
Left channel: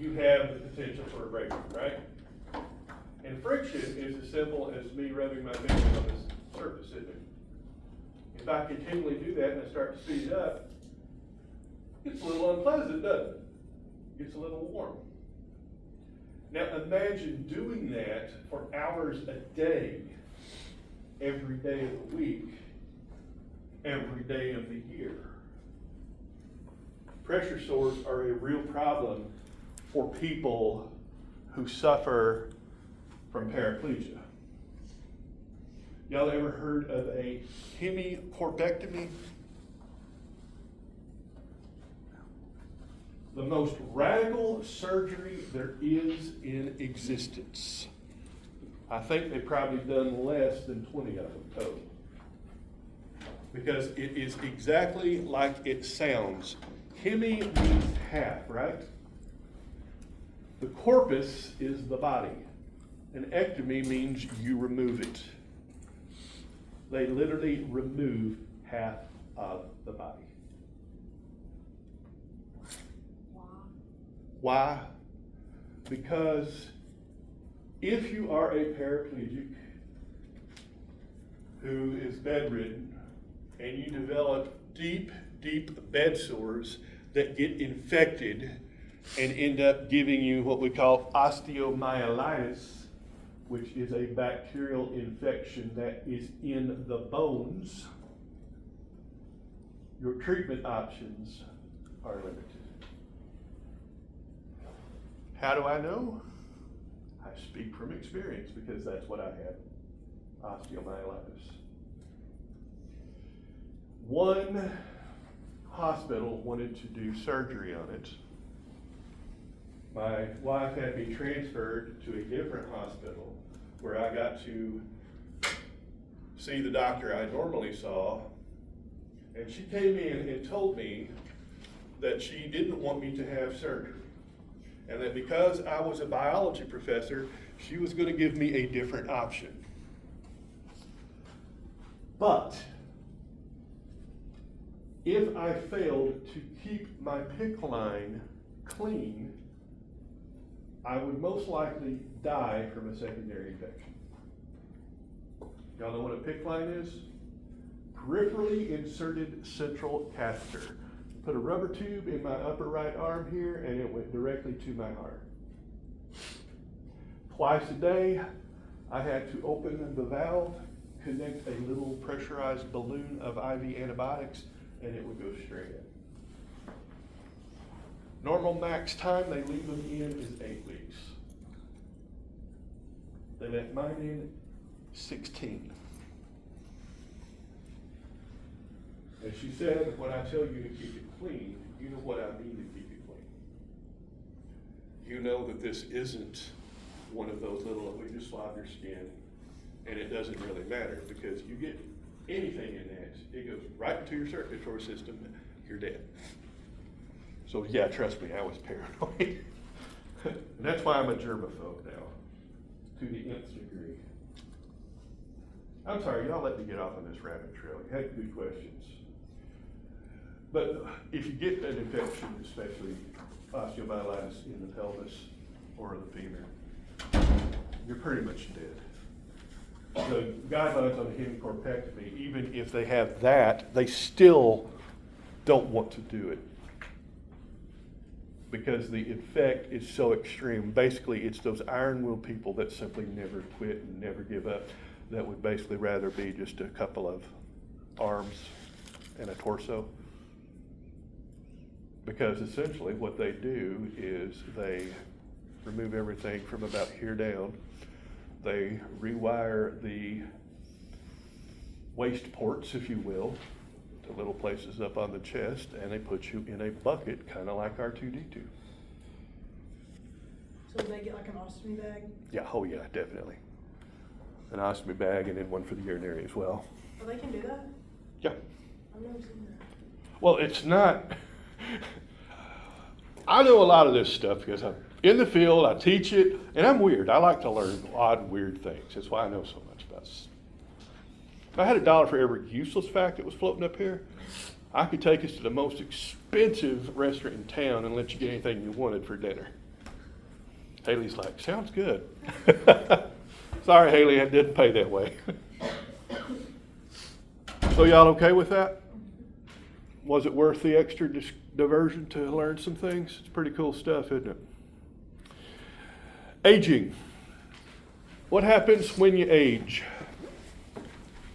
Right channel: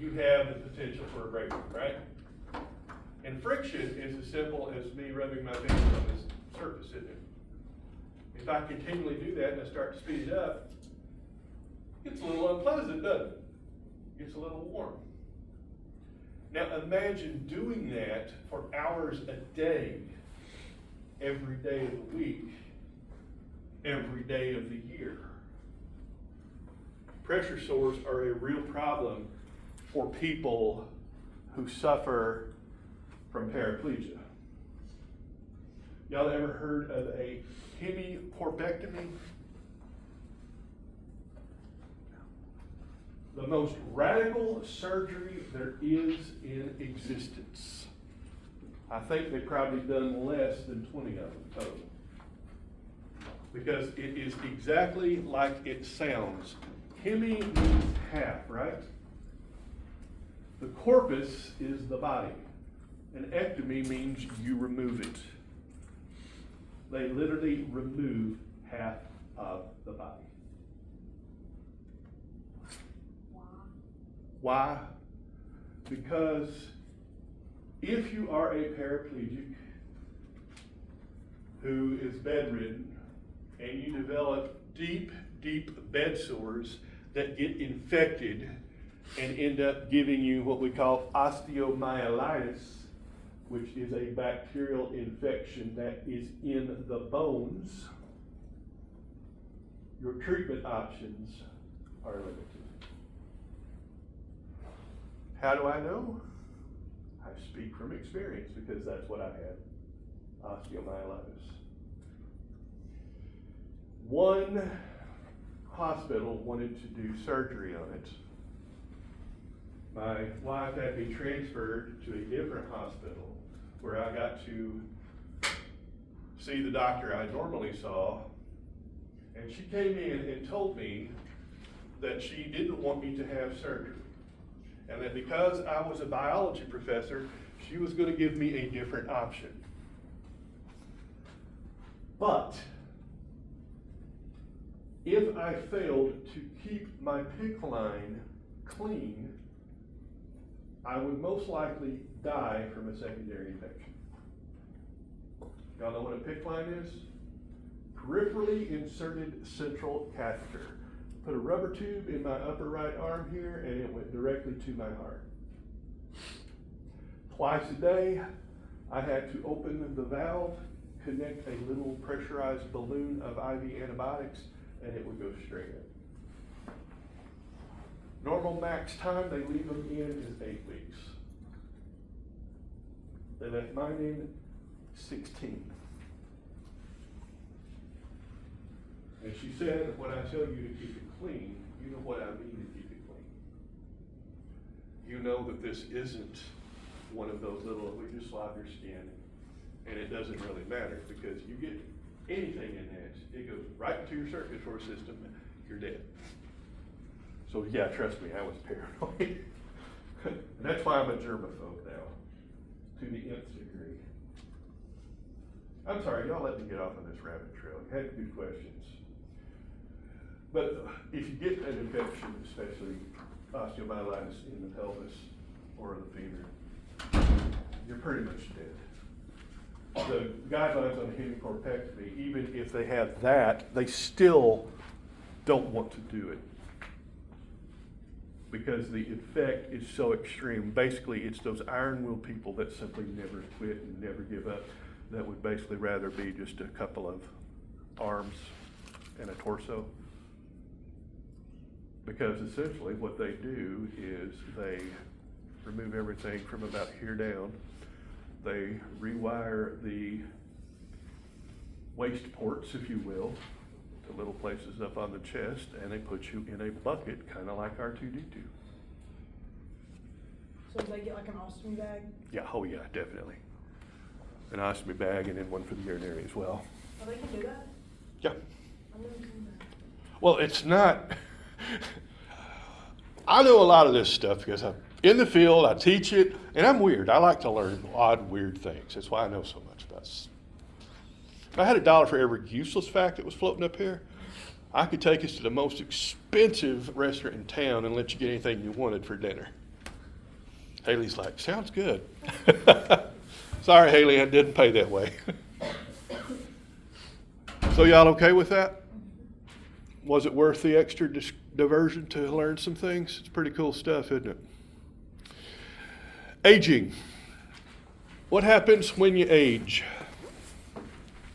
you have the potential for abrasion, right? And friction is as simple as me rubbing my finger on this surface, isn't it? If I continually do that and I start to speed it up, it gets a little unpleasant, doesn't it? It gets a little warm. Now imagine doing that for hours a day, every day of the week, every day of the year. Pressure sores are a real problem for people who suffer from paraplegia. Y'all ever heard of a hemicorpectomy? The most radical surgery there is in existence. I think they've probably done less than 20 of them total. Because it is exactly like it sounds. Hemi means half, right? The corpus is the body. An ectomy means you remove it. They literally remove half of the body. Why? Because if you are a paraplegic who is bedridden and you develop deep bed sores that get infected and end up giving you what we call osteomyelitis, which is a bacterial infection that is in the bones, your treatment options are limited. How do I know? I speak from experience because that's what I had, osteomyelitis. One hospital wanted to do surgery on it. My wife had me transferred to a different hospital where I got to see the doctor I normally saw, and she came in and told me that she didn't want me to have surgery, and that because I was a biology professor, she was going to give me a different option. But if I failed to keep my PICC line clean, I would most likely die from a secondary infection. Y'all know what a PICC line is? Peripherally inserted central catheter. Put a rubber tube in my upper right arm here, and it went directly to my heart. Twice a day, I had to open the valve, connect a little pressurized balloon of IV antibiotics, and it will go straight in. Normal max time they leave them in is 8 weeks. They let mine in 16. And she said, when I tell you to keep it clean, you know what I mean to keep it clean. You know that this isn't one of those little, we just swab your skin and it doesn't really matter, because you get anything in that, it goes right into your circulatory system, you're dead. So yeah, trust me, I was paranoid. And that's why I'm a germaphobe now, to the nth degree. I'm sorry, y'all let me get off on this rabbit trail. You had good questions. But if you get an infection, especially osteomyelitis in the pelvis or the femur, you're pretty much dead. The guidelines on hemicorpectomy, even if they have that, they still don't want to do it, because the effect is so extreme. Basically, it's those iron-willed people that simply never quit and never give up, that would basically rather be just a couple of arms and a torso. Because essentially what they do is they remove everything from about here down. They rewire the waist ports, if you will, the little places up on the chest, and they put you in a bucket, kind of like R2-D2. So do they get like an ostomy bag? Yeah, oh yeah, definitely. An ostomy bag, and then one for the urinary as well. Oh, they can do that? Yeah. I've never seen that. Well, it's not. I know a lot of this stuff because I'm in the field, I teach it, and I'm weird. I like to learn odd, weird things. That's why I know so much about it. If I had $1 for every useless fact that was floating up here, I could take us to the most expensive restaurant in town and let you get anything you wanted for dinner. Haley's like, sounds good. Sorry, Haley, I didn't pay that way. So y'all okay with that? Was it worth the extra diversion to learn some things? It's pretty cool stuff, isn't it? Aging. What happens when you age?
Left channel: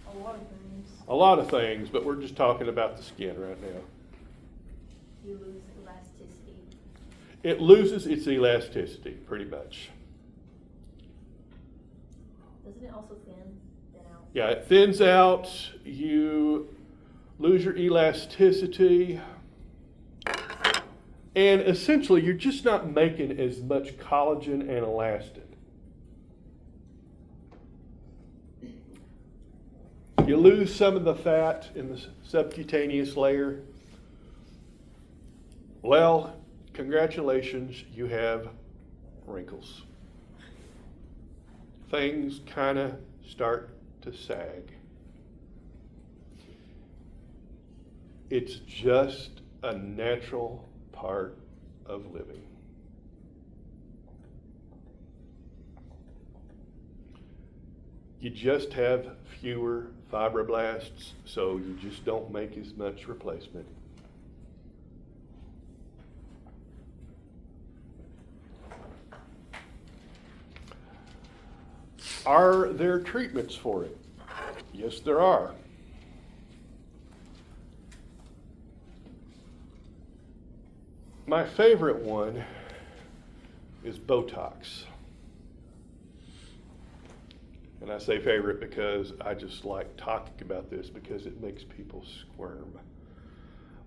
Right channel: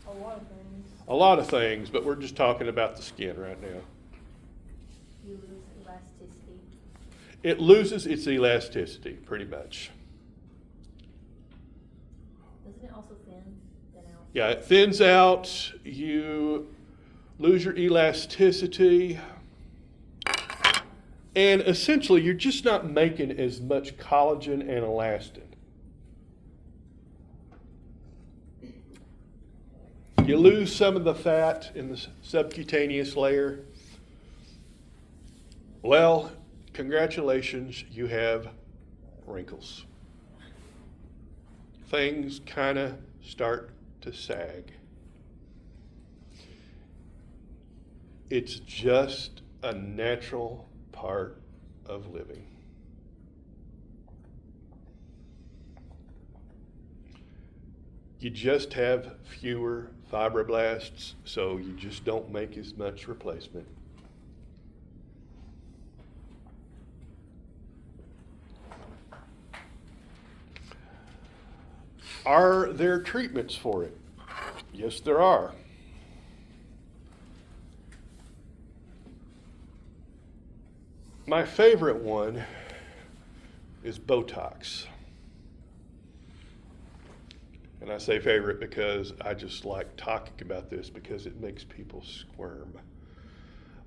A lot of things. A lot of things, but we're just talking about the skin right now. You lose elasticity. It loses its elasticity, pretty much. Doesn't it also thin out? Yeah, it thins out, you lose your elasticity, and essentially you're just not making as much collagen and elastin. You lose some of the fat in the subcutaneous layer. Well, congratulations, you have wrinkles. Things kind of start to sag. It's just a natural part of living. You just have fewer fibroblasts, so you just don't make as much replacement. Are there treatments for it? Yes, there are. My favorite one is Botox. And I say favorite because I just like talking about this because it makes people squirm.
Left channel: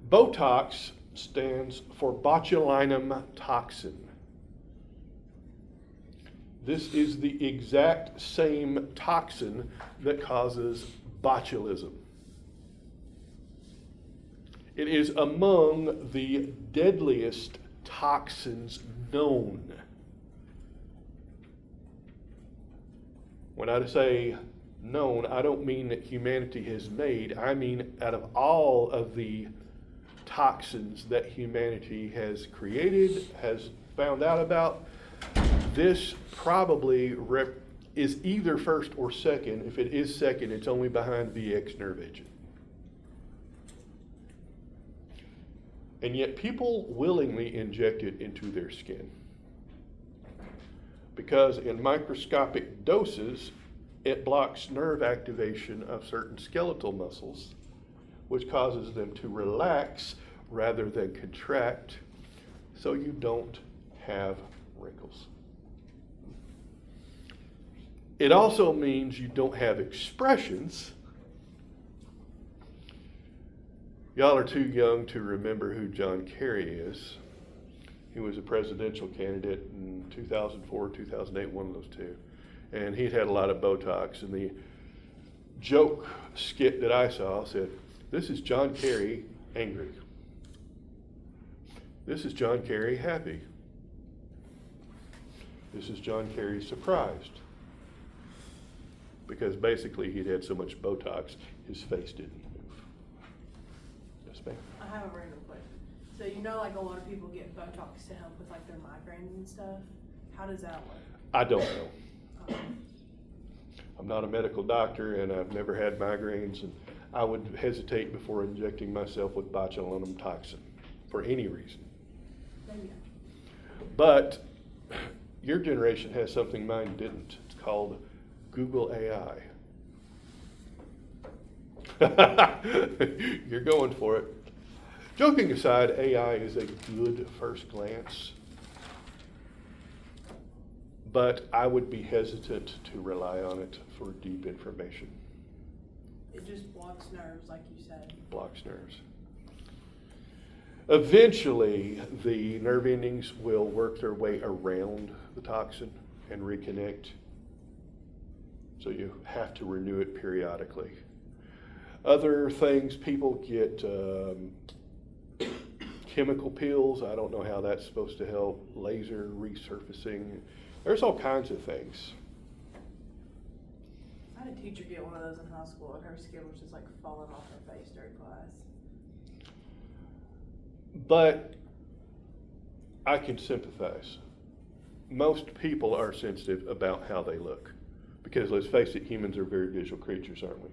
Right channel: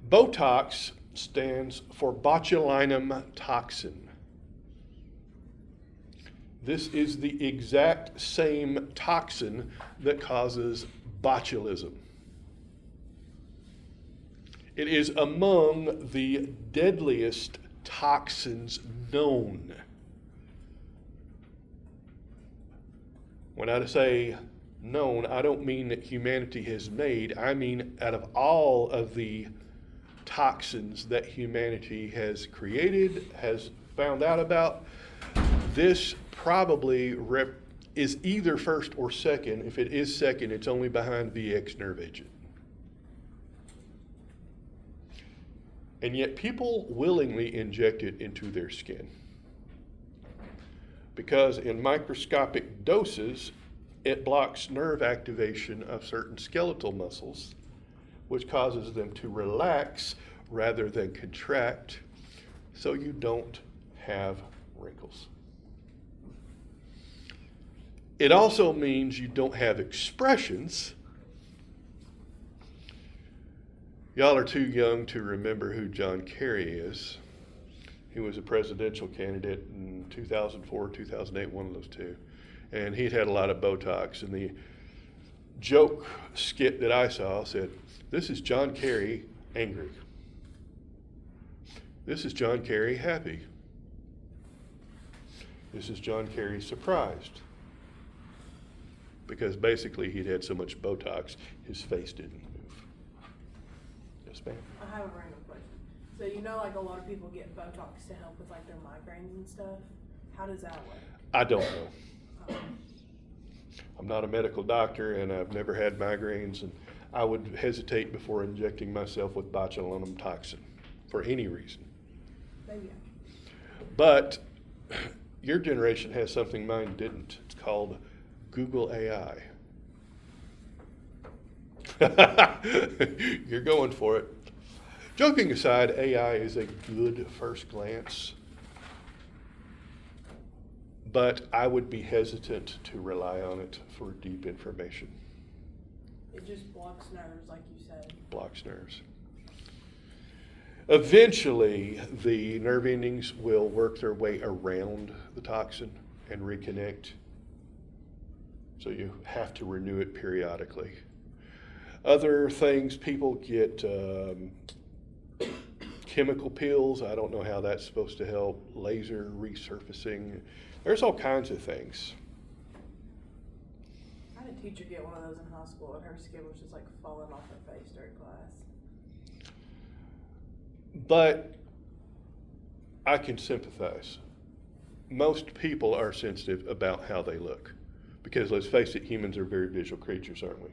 Botox stands for botulinum toxin. This is the exact same toxin that causes botulism. It is among the deadliest toxins known. When I say known, I don't mean that humanity has made. I mean out of all of the toxins that humanity has created, has found out about, this probably is either first or second. If it is second, it's only behind VX nerve agent. And yet people willingly inject it into their skin, because in microscopic doses, it blocks nerve activation of certain skeletal muscles which causes them to relax rather than contract, so you don't have wrinkles. It also means you don't have expressions. Y'all are too young to remember who John Kerry is. He was a presidential candidate in 2004, 2008, one of those two. And he'd had a lot of Botox. And the joke skit that I saw said, "This is John Kerry angry. This is John Kerry happy. This is John Kerry surprised." Because basically he'd had so much Botox, his face didn't move. Yes, ma'am? I have a random question. So you know, like a lot of people get Botox to help with like their migraines and stuff. How does that work? I don't know. I'm not a medical doctor, and I've never had migraines, and I would hesitate before injecting myself with botulinum toxin for any reason. Maybe. But your generation has something mine didn't. It's called Google AI. You're going for it. Joking aside, AI is a good first glance, but I would be hesitant to rely on it for deep information. It just blocks nerves, like you said. Blocks nerves. Eventually, the nerve endings will work their way around the toxin and reconnect. So you have to renew it periodically. Other things, people get chemical peels. I don't know how that's supposed to help. Laser resurfacing. There's all kinds of things. I had a teacher get one of those in high school, and her skin was just like falling off her face during class. But I can sympathize. Most people are sensitive about how they look. Because let's face it, humans are very visual creatures, aren't we?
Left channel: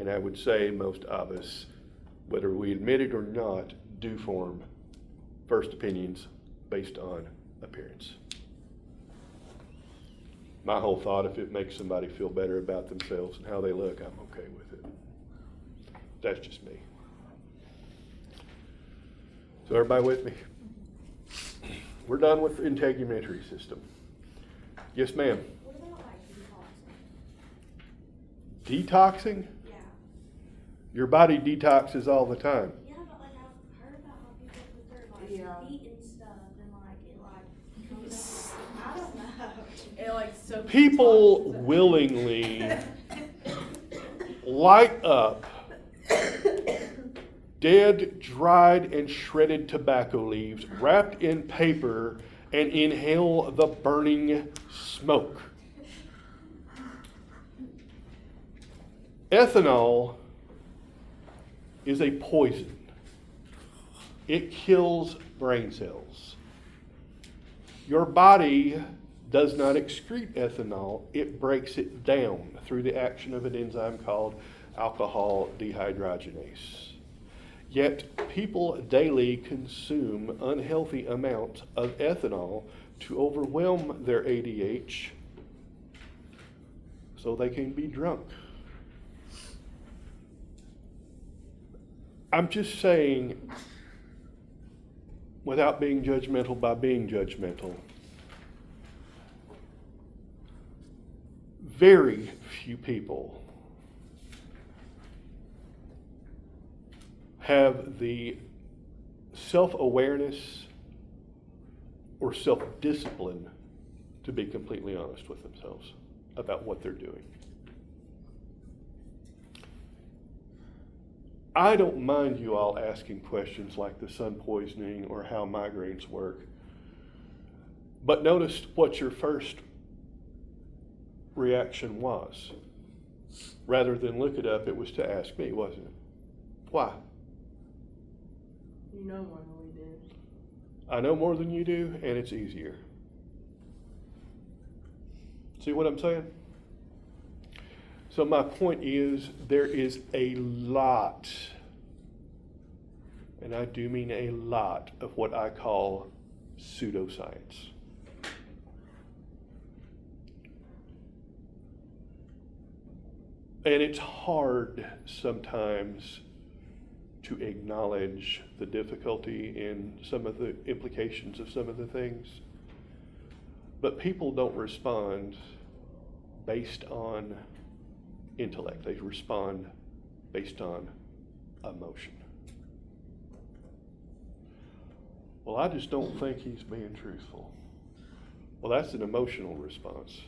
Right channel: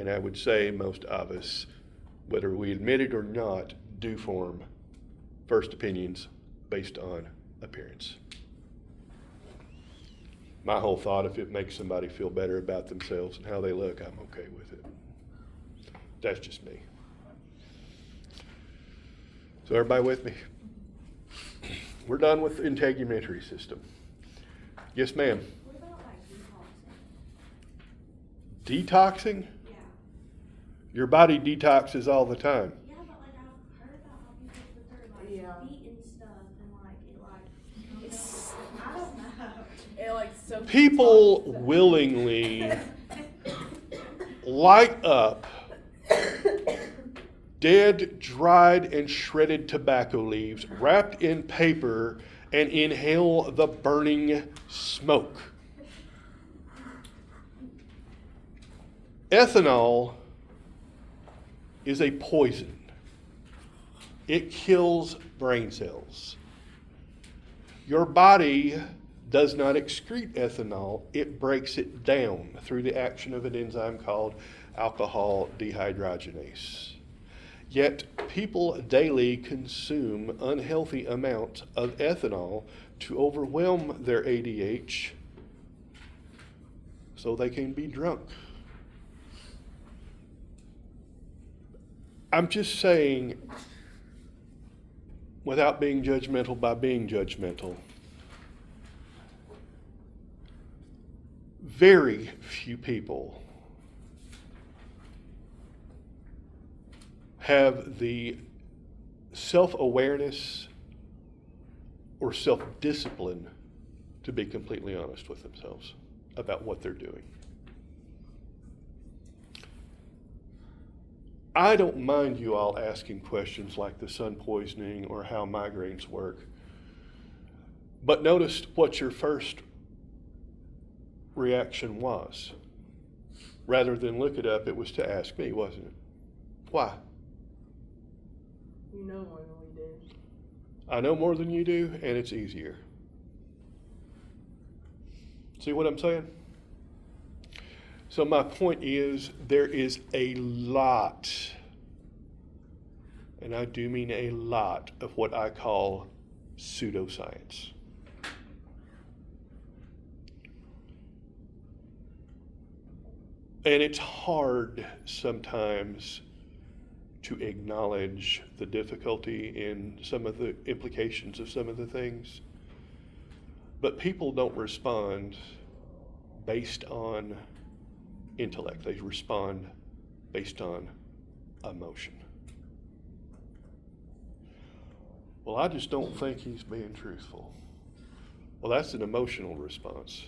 And I would say most of us, whether we admit it or not, do form first opinions based on appearance. My whole thought, if it makes somebody feel better about themselves and how they look, I'm okay with it. That's just me. So everybody with me? We're done with the integumentary system. Yes, ma'am. What about like detoxing? Detoxing? Yeah. Your body detoxes all the time. Yeah, but like I've heard about how people put their like Yeah. feet and stuff and like it like comes up. I don't know. It like so. People willingly light up dead, dried, and shredded tobacco leaves wrapped in paper and inhale the burning smoke. Ethanol is a poison. It kills brain cells. Your body does not excrete ethanol, it breaks it down through the action of an enzyme called alcohol dehydrogenase. Yet people daily consume unhealthy amounts of ethanol to overwhelm their ADH so they can be drunk. I'm just saying, without being judgmental by being judgmental, very few people have the self-awareness or self-discipline to be completely honest with themselves about what they're doing. I don't mind you all asking questions like the sun poisoning or how migraines work, but notice what your first reaction was. Rather than look it up, it was to ask me, wasn't it? Why? You know more than we do. I know more than you do, and it's easier. See what I'm saying? So my point is, there is a lot, and I do mean a lot, of what I call pseudoscience. And it's hard sometimes to acknowledge the difficulty in some of the implications of some of the things. But people don't respond based on intellect. They respond based on emotion. Well, I just don't think he's being truthful. Well, that's an emotional response.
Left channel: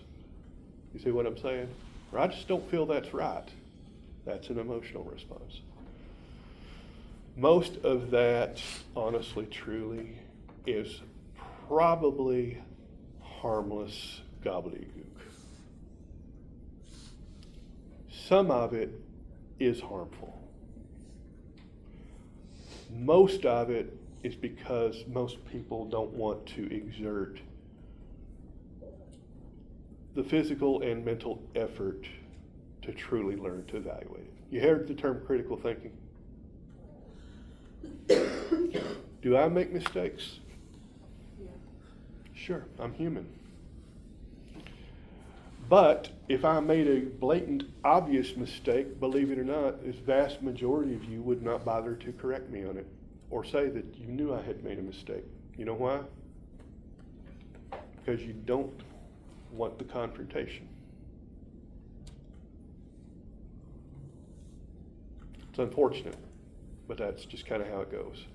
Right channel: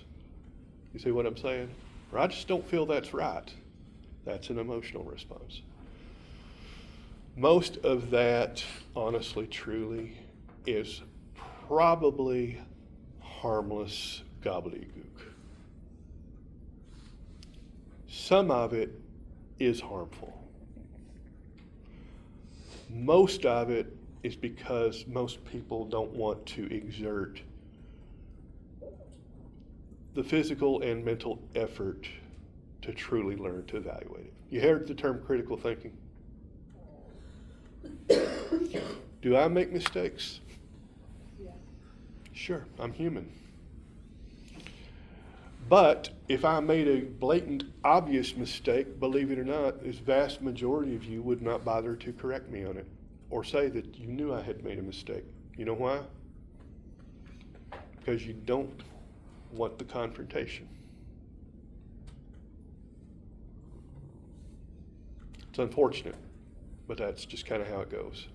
You see what I'm saying? Or I just don't feel that's right. That's an emotional response. Most of that, honestly, truly, is probably harmless gobbledygook. Some of it is harmful. Most of it is because most people don't want to exert the physical and mental effort to truly learn to evaluate it. You heard the term critical thinking? Do I make mistakes? Yeah. Sure, I'm human. But if I made a blatant, obvious mistake, believe it or not, this vast majority of you would not bother to correct me on it or say that you knew I had made a mistake. You know why? Because you don't want the confrontation. It's unfortunate, but that's just kind of how it goes.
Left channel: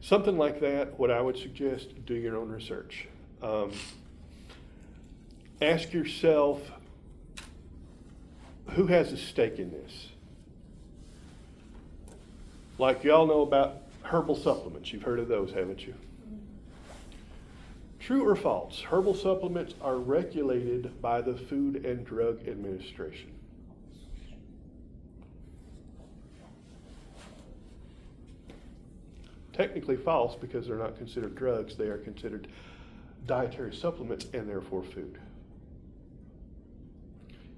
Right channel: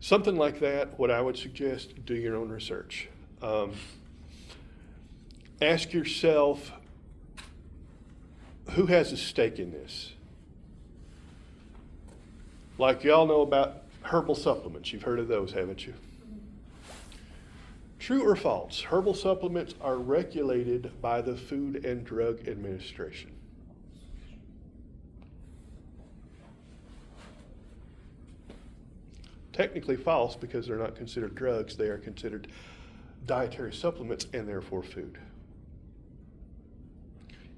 Something like that, what I would suggest, do your own research. Ask yourself, who has a stake in this? Like y'all know about herbal supplements. You've heard of those, haven't you? True or false? Herbal supplements are regulated by the Food and Drug Administration. Technically false because they're not considered drugs. They are considered dietary supplements and therefore food.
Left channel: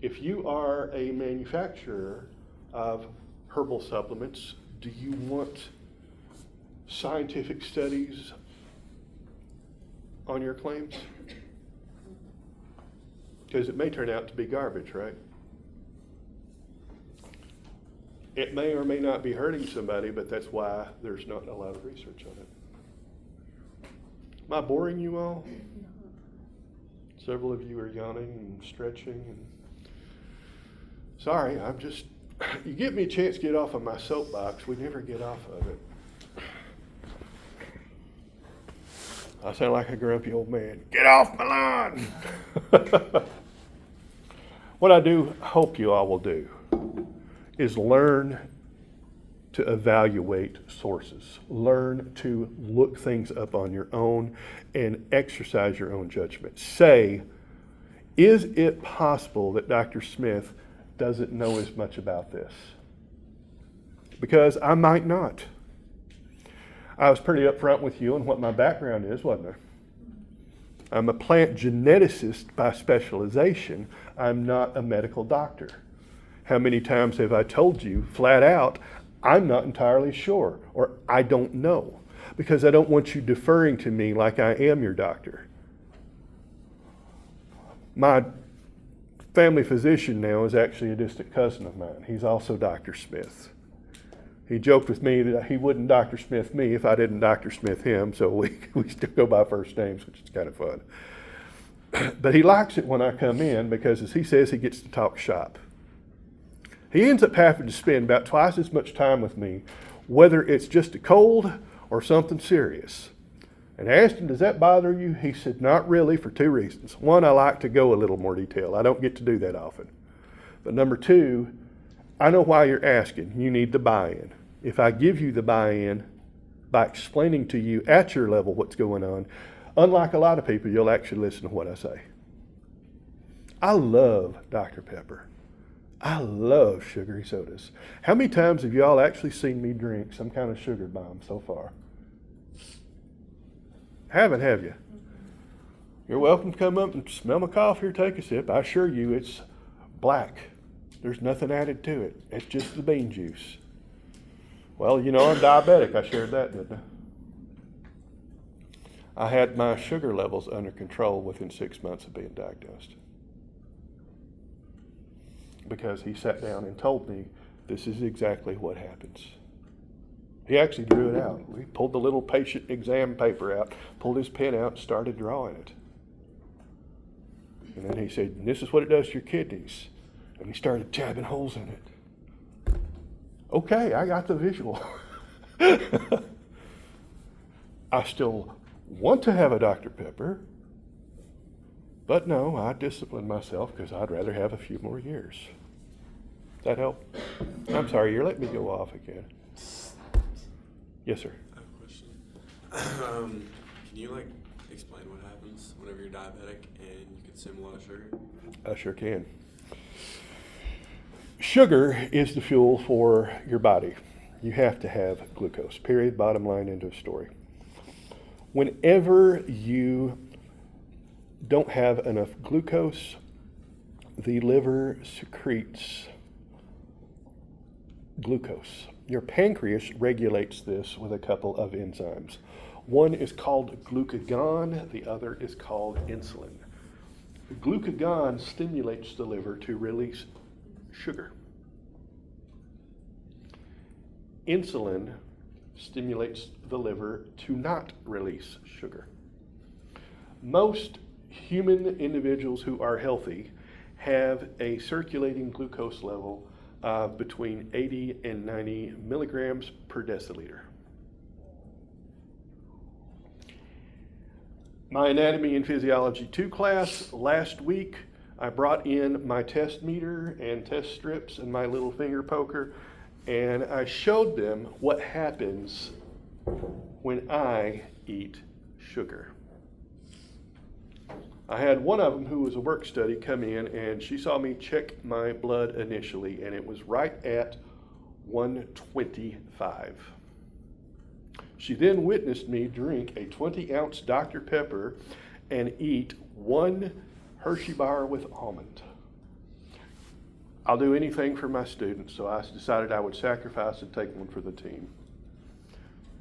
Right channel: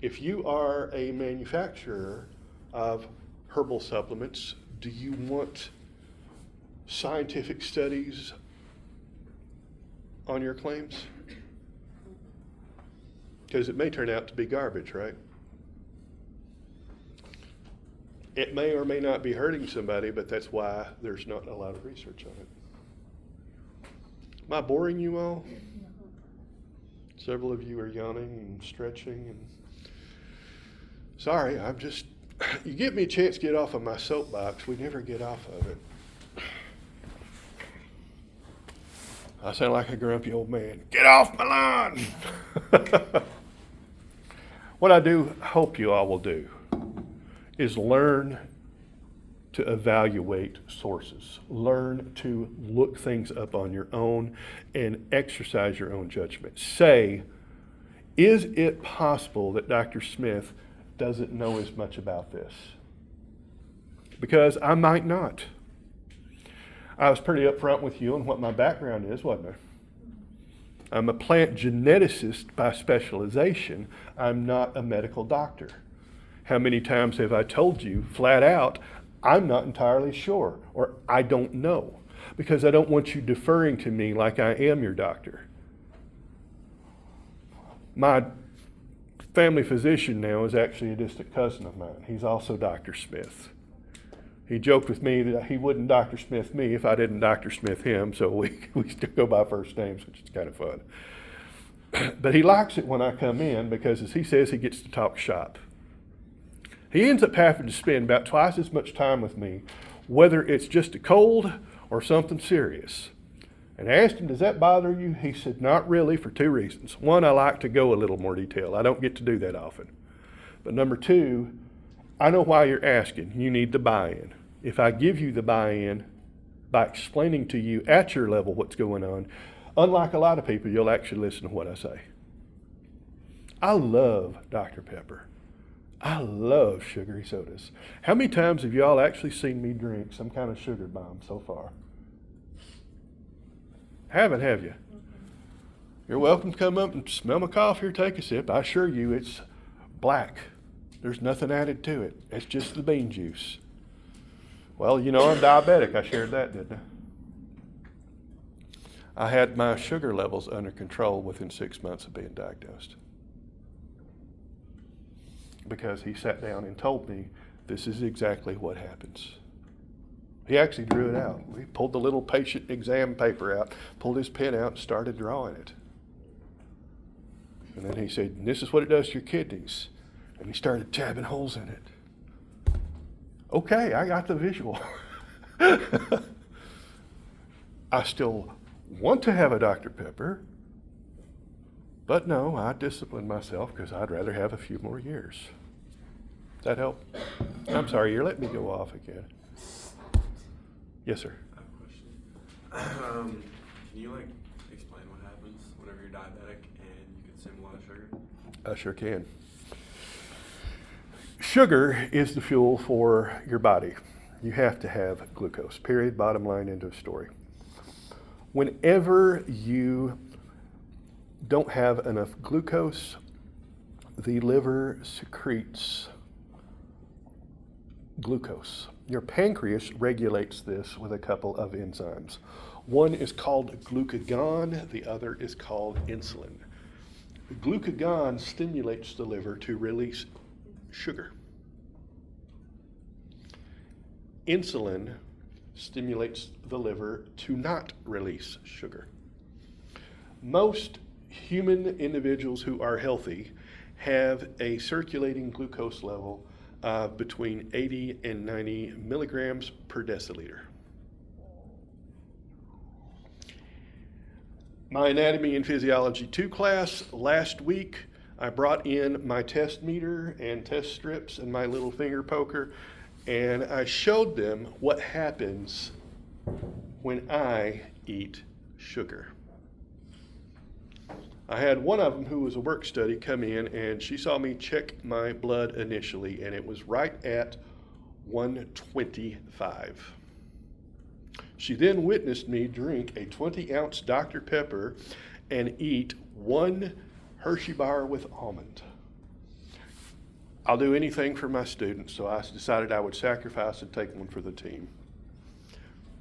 If you are a manufacturer of herbal supplements, do you want scientific studies on your claims? Because it may turn out to be garbage, right? It may or may not be hurting somebody, but that's why there's not a lot of research on it. Am I boring you all? Several of you are yawning and stretching. And sorry, I'm just, you give me a chance to get off of my soapbox, we never get off of it. I sound like a grumpy old man. Get off my lawn! What I do hope you all will do is learn to evaluate sources. Learn to look things up on your own and exercise your own judgment. Say, is it possible that Dr. Smith doesn't know as much about this? Because I might not. I was pretty upfront with you on what my background is, wasn't I? I'm a plant geneticist by specialization. I'm not a medical doctor. How many times have I told you flat out, I'm not entirely sure, or I don't know, because I don't want you deferring to me like I am your doctor. My family physician now is actually a distant cousin of mine. He's also Dr. Smith. He joked with me that he wouldn't Dr. Smith me if I didn't Dr. Smith him, so we still go by first names, which is kind of fun. But he likes it when I come in because, as he says, he gets to talk shop. He ends up having to spend about twice as much time with me, whether it's just a cold or something serious. And I asked him, does that bother you? He said, not really, for two reasons. One, I like to go a little more detail. I don't get to do that often. But number two, I know why you're asking. You need the buy-in. If I give you the buy-in by explaining to you at your level what's going on, unlike a lot of people, you'll actually listen to what I say. I love Dr. Pepper. I love sugary sodas. How many times have y'all actually seen me drink some kind of sugar bomb so far? Haven't, have you? You're welcome to come up and smell my coffee or take a sip. I assure you it's black. There's nothing added to it. It's just the bean juice. Well, you know I'm diabetic. I shared that, didn't I? I had my sugar levels under control within 6 months of being diagnosed. Because he sat down and told me this is exactly what happens. He actually drew it out. He pulled the little patient exam paper out, pulled his pen out, and started drawing it. And then he said, "This is what it does to your kidneys." And he started tabbing holes in it. Okay, I got the visual. I still want to have a Dr. Pepper, but no, I disciplined myself because I'd rather have a few more years. Does that help? I'm sorry, you're letting me go off again. Yes, sir. I have a question. Can you explain what happens whenever you're diabetic and you consume a lot of sugar? I sure can. Sugar is the fuel for your body. You have to have glucose, period, bottom line, end of story. Whenever you don't have enough glucose, the liver secretes glucose. Your pancreas regulates this with a couple of enzymes. One is called glucagon, the other is called insulin. Glucagon stimulates the liver to release sugar. Insulin stimulates the liver to not release sugar. Most human individuals who are healthy have a circulating glucose level of between 80 and 90 milligrams per deciliter. My Anatomy and Physiology 2 class last week, I brought in my test meter and test strips and my little finger poker, and I showed them what happens when I eat sugar. I had one of them who was a work study come in, and she saw me check my blood initially, and it was right at 125. She then witnessed me drink a 20-ounce Dr. Pepper and eat one Hershey bar with almond. I'll do anything for my students, so I decided I would sacrifice and take one for the team.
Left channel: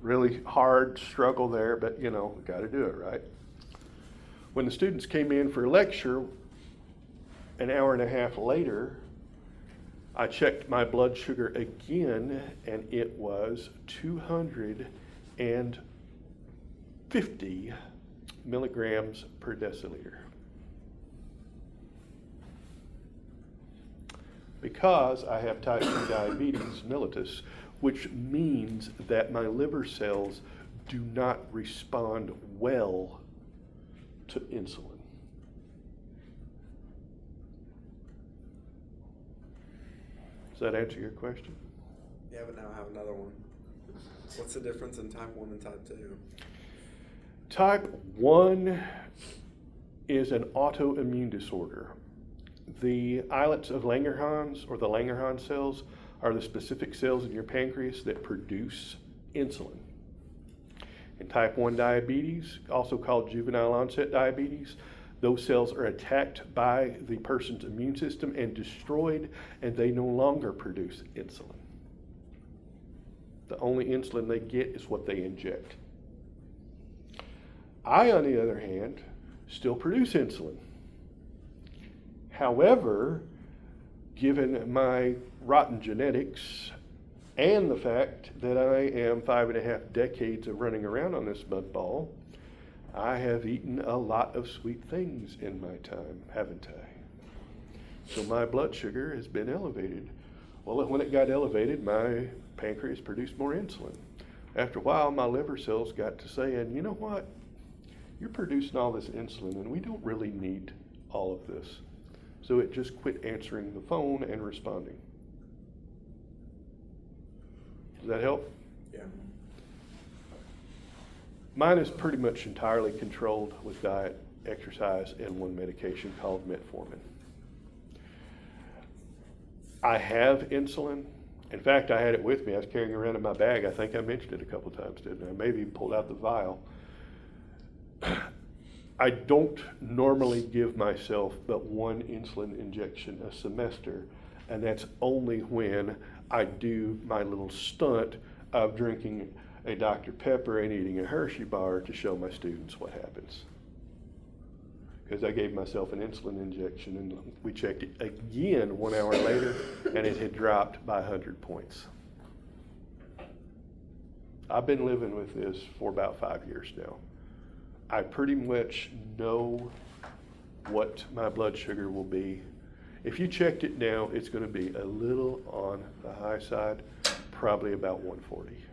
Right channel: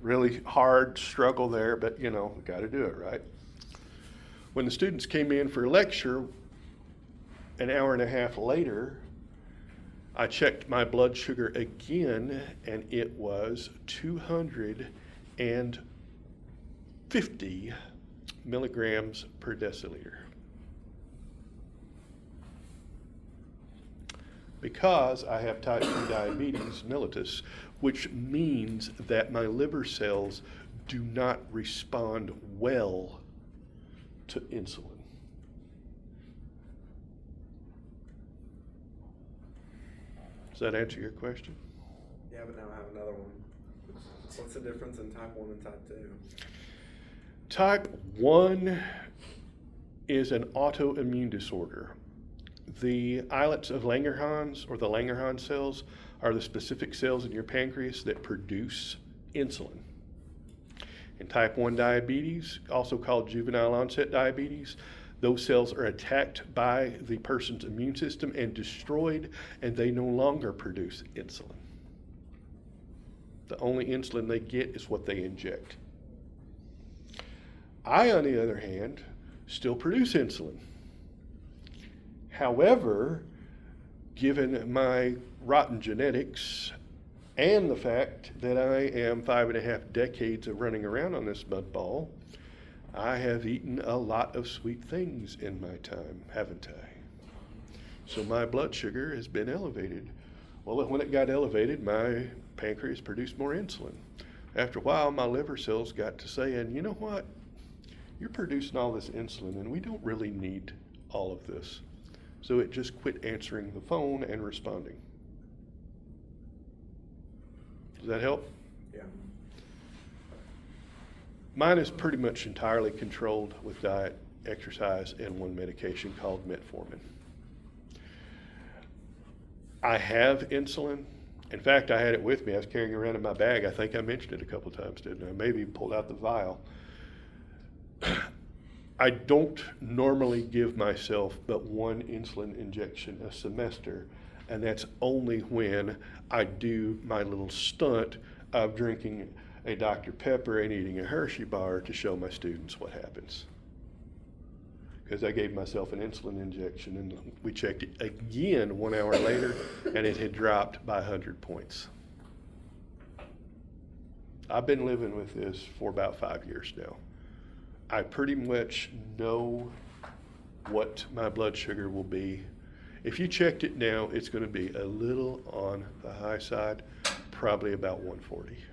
Really hard struggle there, but got to do it, right? When the students came in for a lecture, an hour and a half later, I checked my blood sugar again, and it was 250 milligrams per deciliter. Because I have type 2 diabetes mellitus, which means that my liver cells do not respond well to insulin. Does that answer your question? Yeah, but now I have another one. What's the difference in type 1 and type 2? Type 1 is an autoimmune disorder. The islets of Langerhans, or the Langerhans cells, are the specific cells in your pancreas that produce insulin. In type 1 diabetes, also called juvenile onset diabetes, those cells are attacked by the person's immune system and destroyed, and they no longer produce insulin. The only insulin they get is what they inject. I, on the other hand, still produce insulin. However, given my rotten genetics and the fact that I am 5.5 decades of running around on this mud ball, I have eaten a lot of sweet things in my time, haven't I? So my blood sugar has been elevated. Well, when it got elevated, my pancreas produced more insulin. After a while, my liver cells got to saying, you know what? You're producing all this insulin, and we don't really need all of this. So it just quit answering the phone and responding. Does that help? Yeah. Mine is pretty much entirely controlled with diet, exercise, and one medication called metformin. I have insulin. In fact, I had it with me. I was carrying it around in my bag. I think I mentioned it a couple times, didn't I? Maybe even pulled out the vial. I don't normally give myself but one insulin injection a semester, and that's only when I do my little stunt of drinking a Dr. Pepper and eating a Hershey bar to show my students what happens. Because I gave myself an insulin injection, and we checked it again 1 hour later, and it had dropped by 100 points. I've been living with this for about 5 years now. I pretty much know what my blood sugar will be. If you checked it now, it's going to be a little on the high side, probably about 140.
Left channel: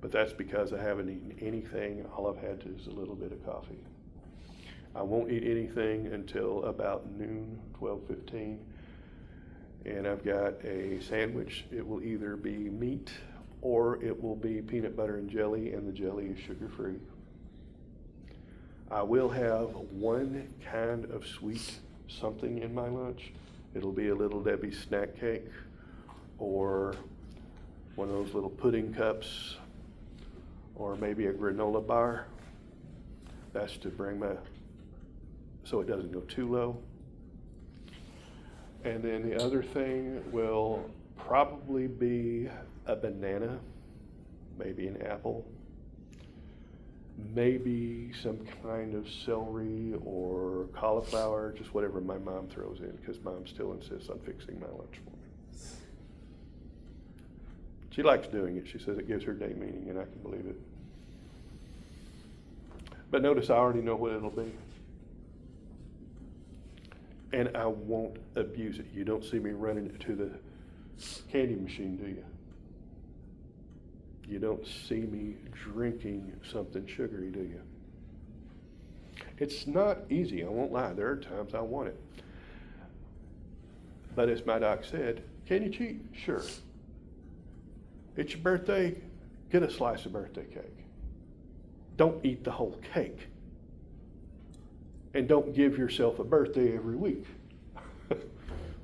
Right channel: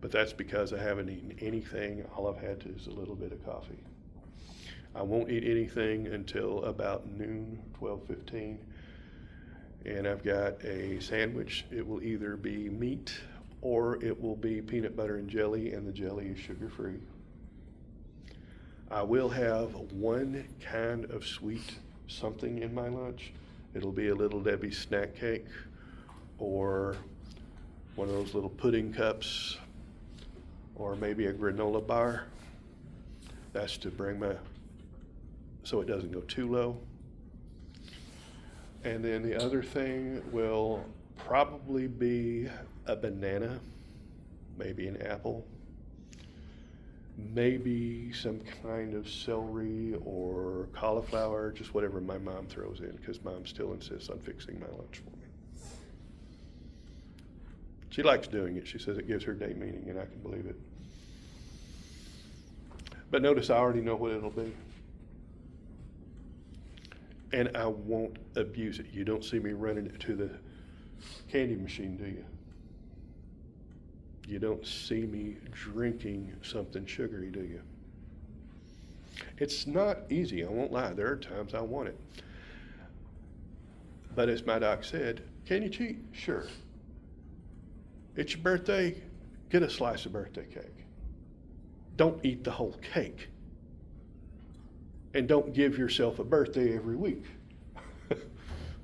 But that's because I haven't eaten anything. All I've had is a little bit of coffee. I won't eat anything until about noon, 12:15. And I've got a sandwich. It will either be meat or it will be peanut butter and jelly, and the jelly is sugar-free. I will have one kind of sweet something in my lunch. It'll be a Little Debbie's snack cake or one of those little pudding cups or maybe a granola bar. That's to bring so it doesn't go too low. And then the other thing will probably be a banana, maybe an apple, maybe some kind of celery or cauliflower, just whatever my mom throws in, because Mom still insists on fixing my lunch for me. She likes doing it. She says it gives her day meaning, and I can believe it. But notice I already know what it'll be. And I won't abuse it. You don't see me running it to the candy machine, do you? You don't see me drinking something sugary, do you? It's not easy, I won't lie. There are times I want it. But as my doc said, can you cheat? Sure. It's your birthday, get a slice of birthday cake. Don't eat the whole cake. And don't give yourself a birthday every week.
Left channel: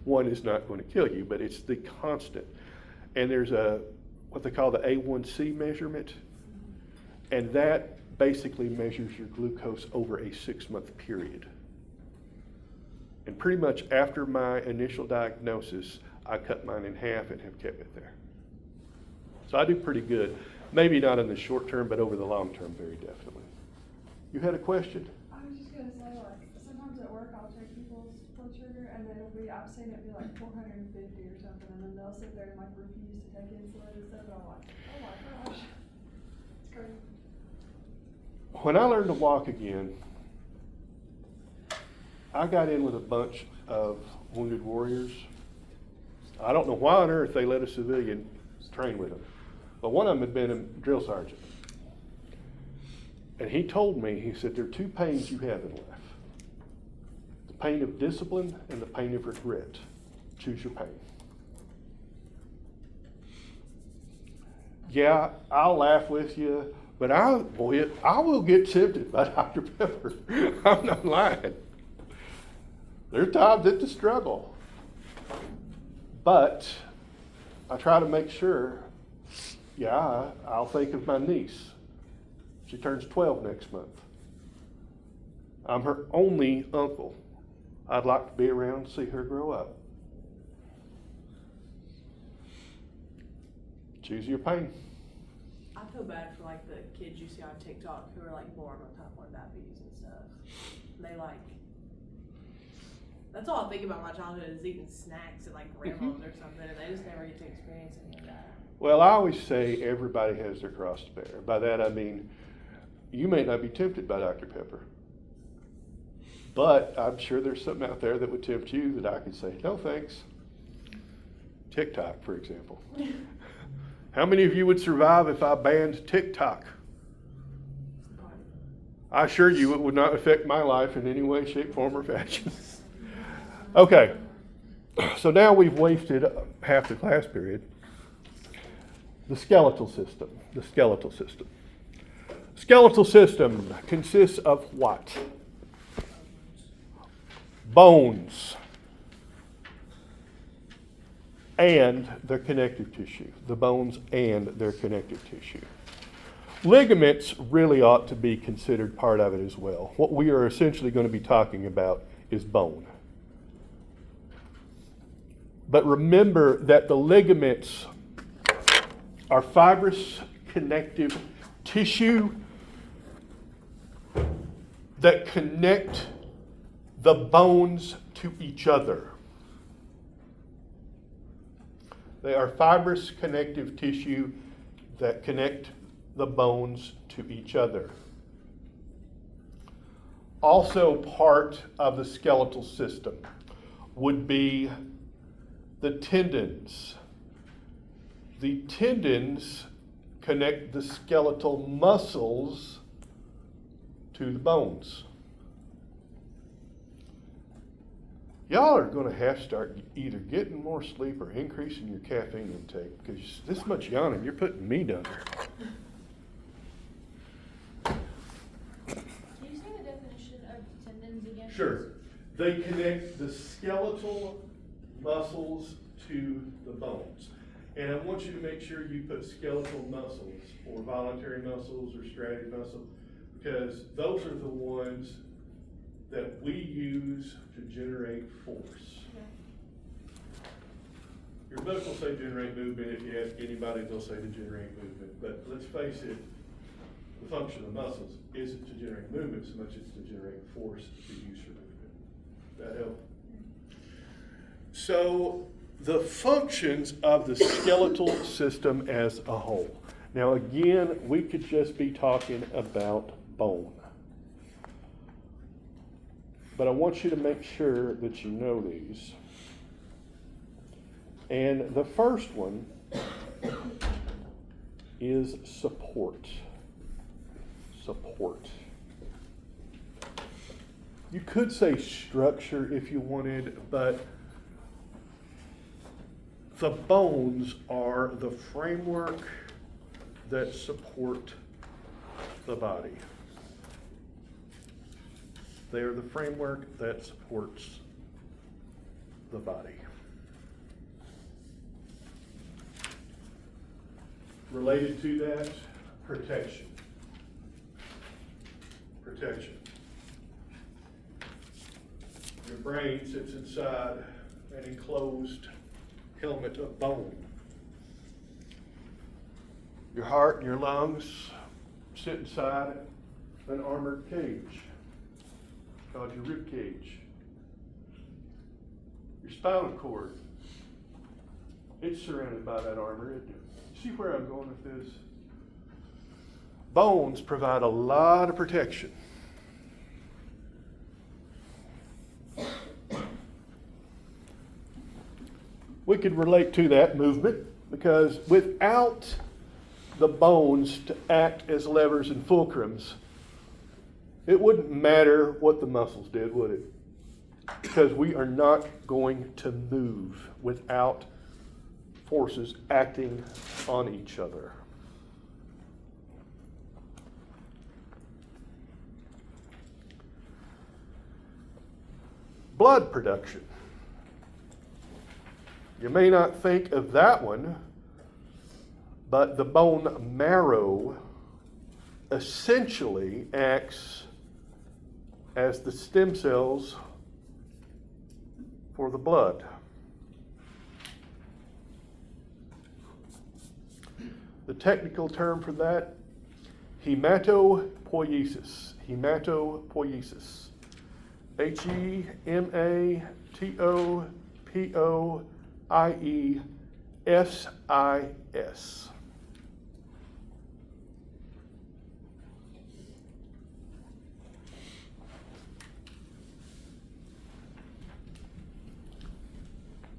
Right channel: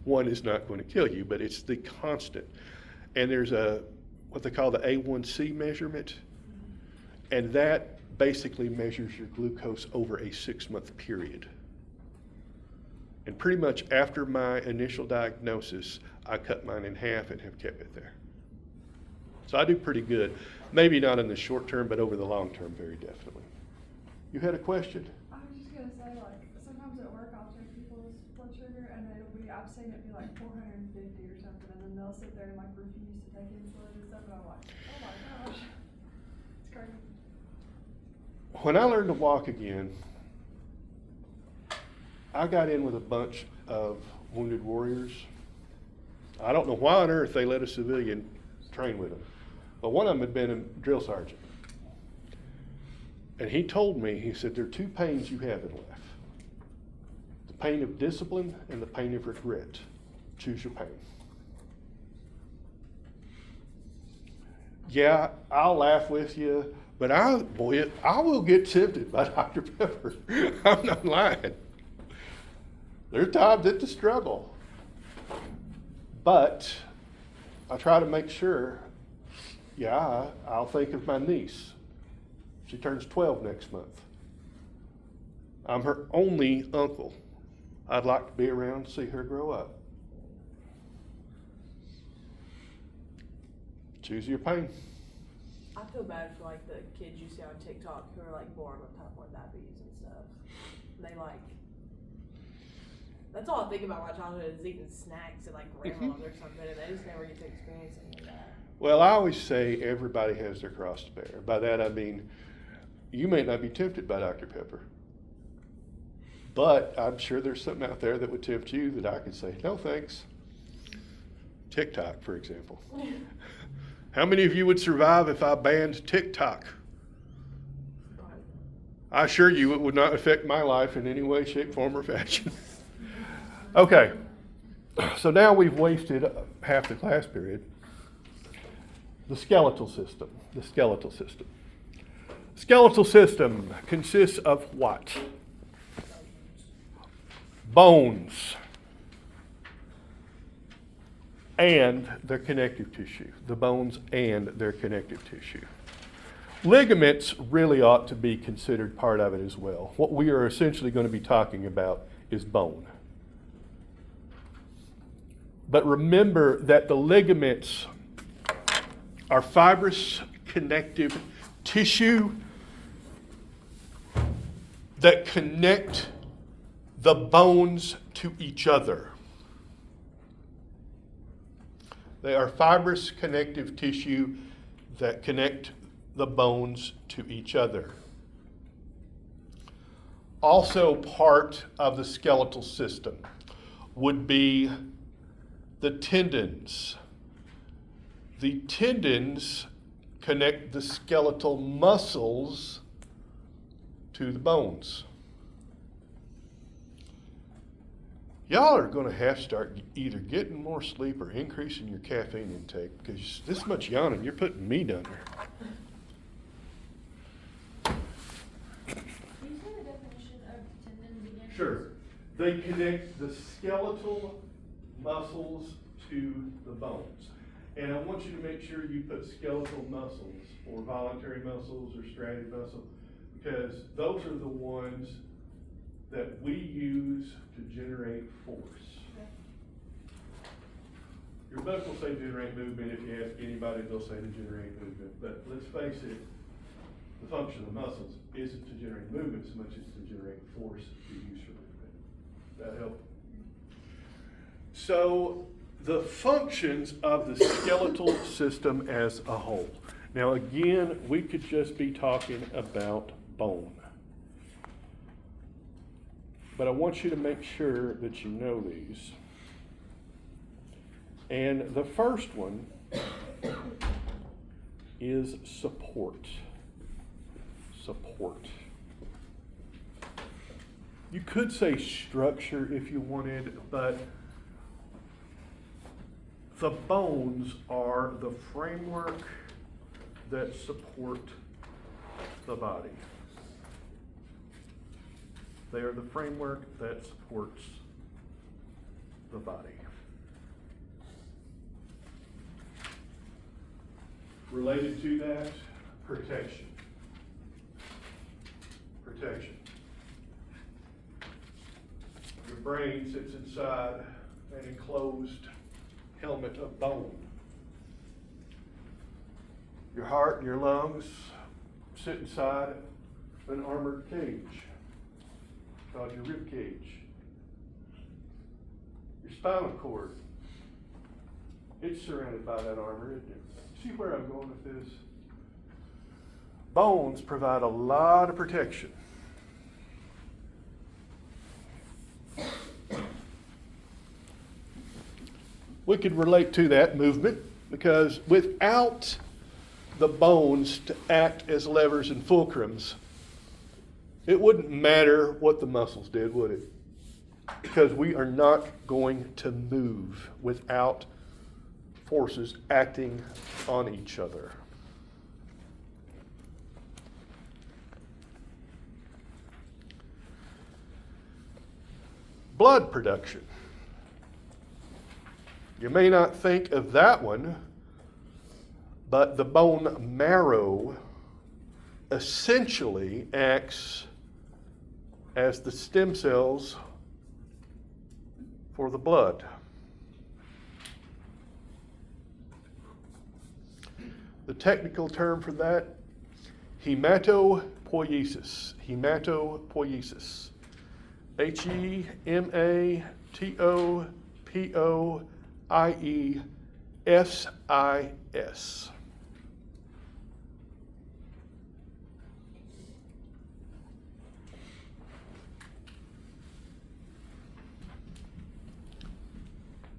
One is not going to kill you, but it's the constant. And there's what they call the A1C measurement, and that basically measures your glucose over a 6-month period. And pretty much after my initial diagnosis, I cut mine in half and have kept it there. So I do pretty good. Maybe not in the short term, but over the long term, very definitely. You had a question? I was just gonna say, like, sometimes at work I'll check people's blood sugar and I've seen it be like 450 or something, and then they'll sit there and like refuse to take insulin and stuff, and I'm like, oh my gosh, it's crazy. When I learned to walk again, I got in with a bunch of wounded warriors. I don't know why on earth they let a civilian train with them, but one of them had been a drill sergeant. And he told me, he said, there are two pains you have in life. The pain of discipline and the pain of regret. Choose your pain. Yeah, I'll laugh with you, but I will get tempted by Dr. Pepper. I'm not lying. There are times it's a struggle. But I try to make sure, I'll think of my niece. She turns 12 next month. I'm her only uncle. I'd like to be around to see her grow up. Choose your pain. I feel bad for like the kids you see on TikTok who are like born with type 1 diabetes and stuff. They like, that's all I think about my childhood is eating snacks at like grandma's or something, and they just never get to experience any of that. Well, I always say everybody has their cross to bear. By that I mean, you may not be tempted by Dr. Pepper, but I'm sure there's something out there that would tempt you that I could say, no thanks. TikTok, for example. How many of you would survive if I banned TikTok? I assure you it would not affect my life in any way, shape, form, or fashion. Okay, so now we've wasted half the class period. The skeletal system. The skeletal system. Skeletal system consists of what? Bones and their connective tissue. The bones and their connective tissue. Ligaments really ought to be considered part of it as well. What we are essentially going to be talking about is bone. But remember that the ligaments are fibrous connective tissue that connect the bones to each other. They are fibrous connective tissue that connect the bones to each other. Also part of the skeletal system would be the tendons. The tendons connect the skeletal muscles to the bones. Y'all are going to have to start either getting more sleep or increasing your caffeine intake, because this much yawning, you're putting me down there. Can you say the definition of tendons again? Sure. They connect the skeletal muscles to the bones. And I want you to make sure you put skeletal muscles or voluntary muscles or striated muscle, because those are the ones that we use to generate force. Yeah. Your book will say generate movement. If you ask anybody, they'll say to generate movement. But let's face it, the function of muscles isn't to generate movement so much as to generate force to use for movement. That help? So the functions of the skeletal system as a whole. Now again, we could just be talking about bone. But I want you to make sure that you know these. And the first one is support. Support. You could say structure if you wanted, but the bones are the framework that support the body. They are the framework that supports the body. Related to that, protection. Protection. Your brain sits inside an enclosed helmet of bone. Your heart and your lungs sit inside an armored cage called your rib cage. Your spinal cord, it's surrounded by that armor, isn't it? See where I'm going with this? Bones provide a lot of protection. We could relate to that movement, because without the bones to act as levers and fulcrums, it wouldn't matter what the muscles did, would it? Because we are not going to move without forces acting on each other. Blood production. You may not think of that one, but the bone marrow essentially acts as the stem cells for the blood. The technical term for that, hematopoiesis. Hematopoiesis. Hematopoiesis.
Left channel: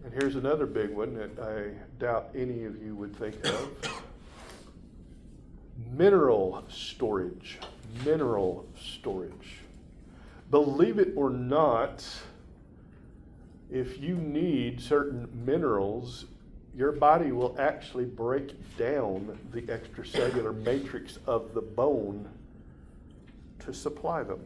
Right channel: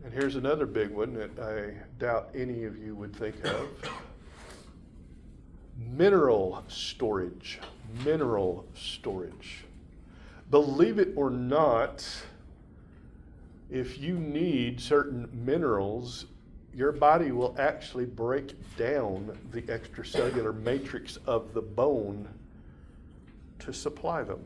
And here's another big one that I doubt any of you would think of. Mineral storage. Mineral storage. Believe it or not, if you need certain minerals, your body will actually break down the extracellular matrix of the bone to supply them.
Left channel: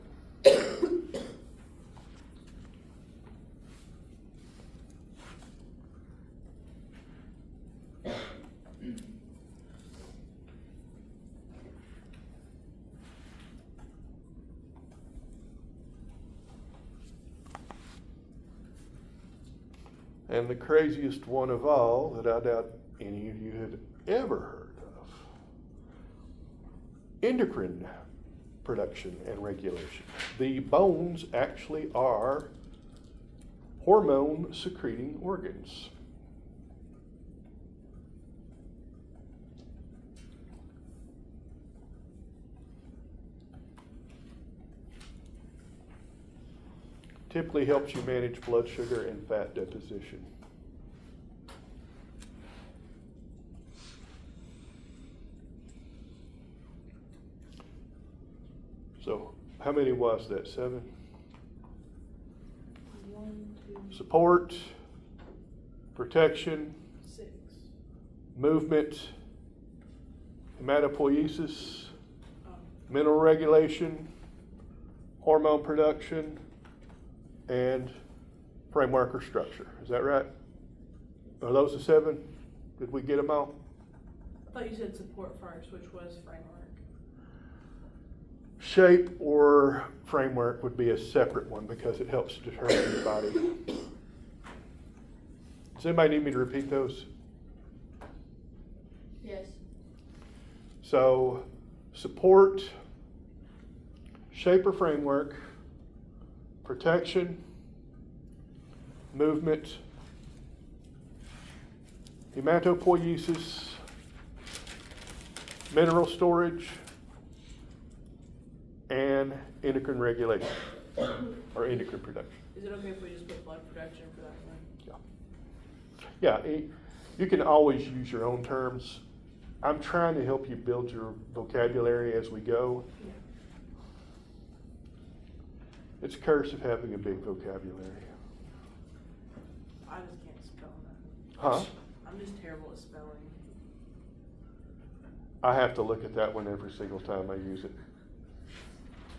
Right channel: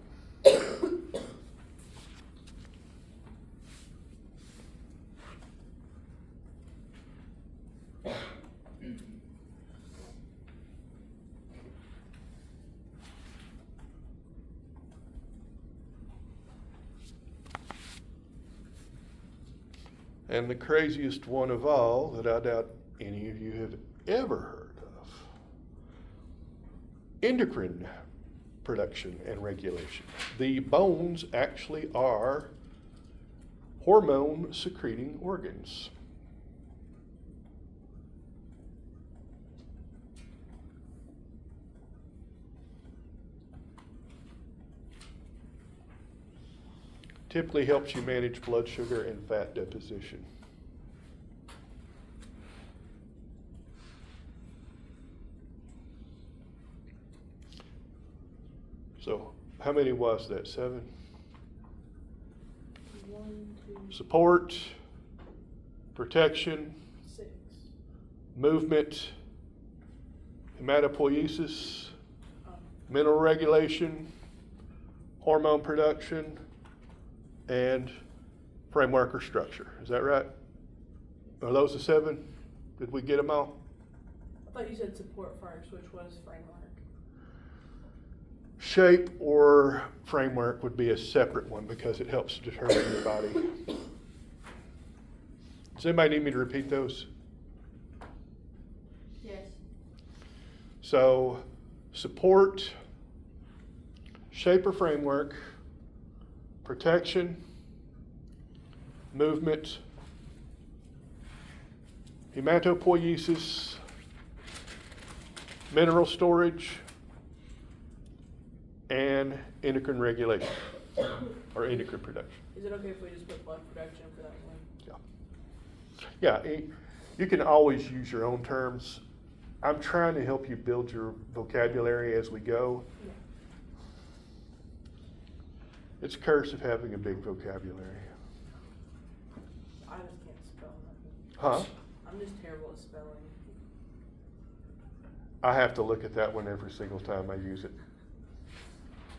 And the craziest one of all, that I doubt any of you have ever heard of, endocrine production and regulation. The bones actually are hormone secreting organs. typically helps you manage blood sugar and fat deposition. So, how many was that? 7? 1, 2, Support, protection, 6. movement, hematopoiesis, Oh, mineral regulation, hormone production, and framework or structure. Is that right? Are those the 7? Did we get them all? I thought you said support first, which was framework. Shape or framework would be a separate one because it helps determine the body. Does anybody need me to repeat those? Yes. So, support, shape or framework, protection, movement, hematopoiesis, mineral storage, and endocrine regulation, or endocrine production. Is it okay if we just put blood production for that one? Yeah, you can always use your own terms. I'm trying to help you build your vocabulary as we go. Yeah. It's a curse of having a big vocabulary. I just can't spell nothing. Huh? I'm just terrible at spelling. I have to look at that one every single time I use it.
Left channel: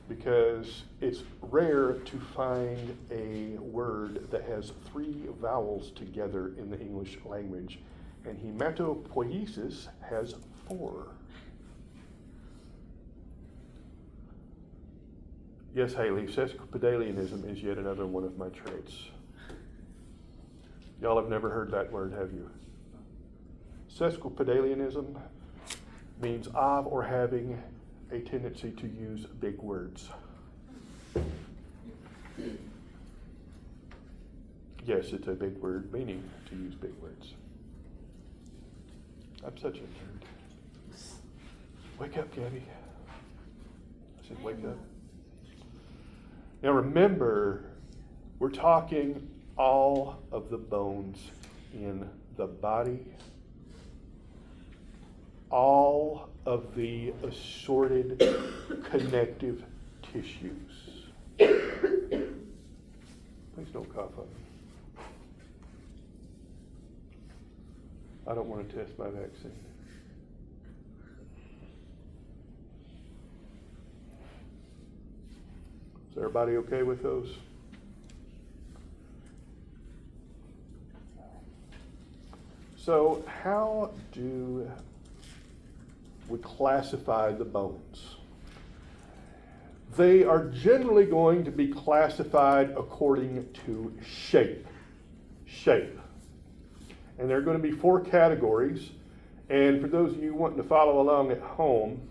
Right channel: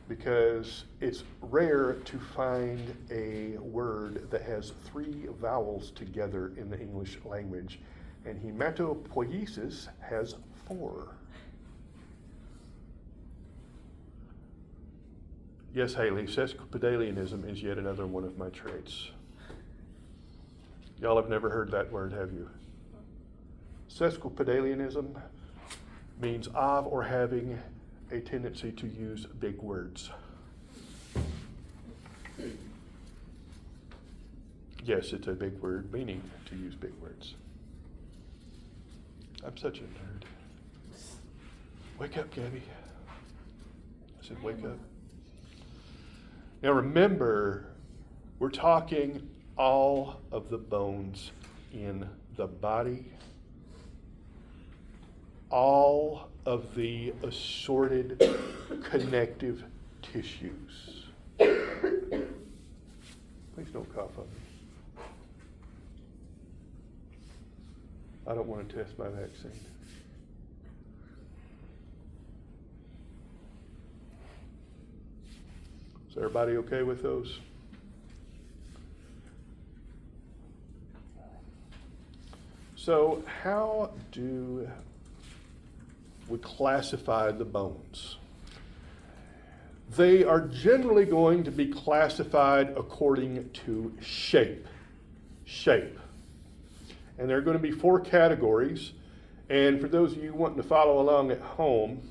Because it's rare to find a word that has 3 vowels together in the English language, and hematopoiesis has 4. Yes, Haley, sesquipedalianism is yet another one of my traits. Y'all have never heard that word, have you? Sesquipedalianism means of or having a tendency to use big words. Yes, it's a big word, meaning to use big words. I'm such a nerd. Wake up, Gabby. I said, wake up. Now remember, we're talking all of the bones in the body, all of the assorted connective tissues. Please don't cough on me. I don't want to test my vaccine. Is everybody okay with those? So how do we classify the bones? They are generally going to be classified according to shape. And there are going to be 4 categories. And for those of you wanting to follow along at home,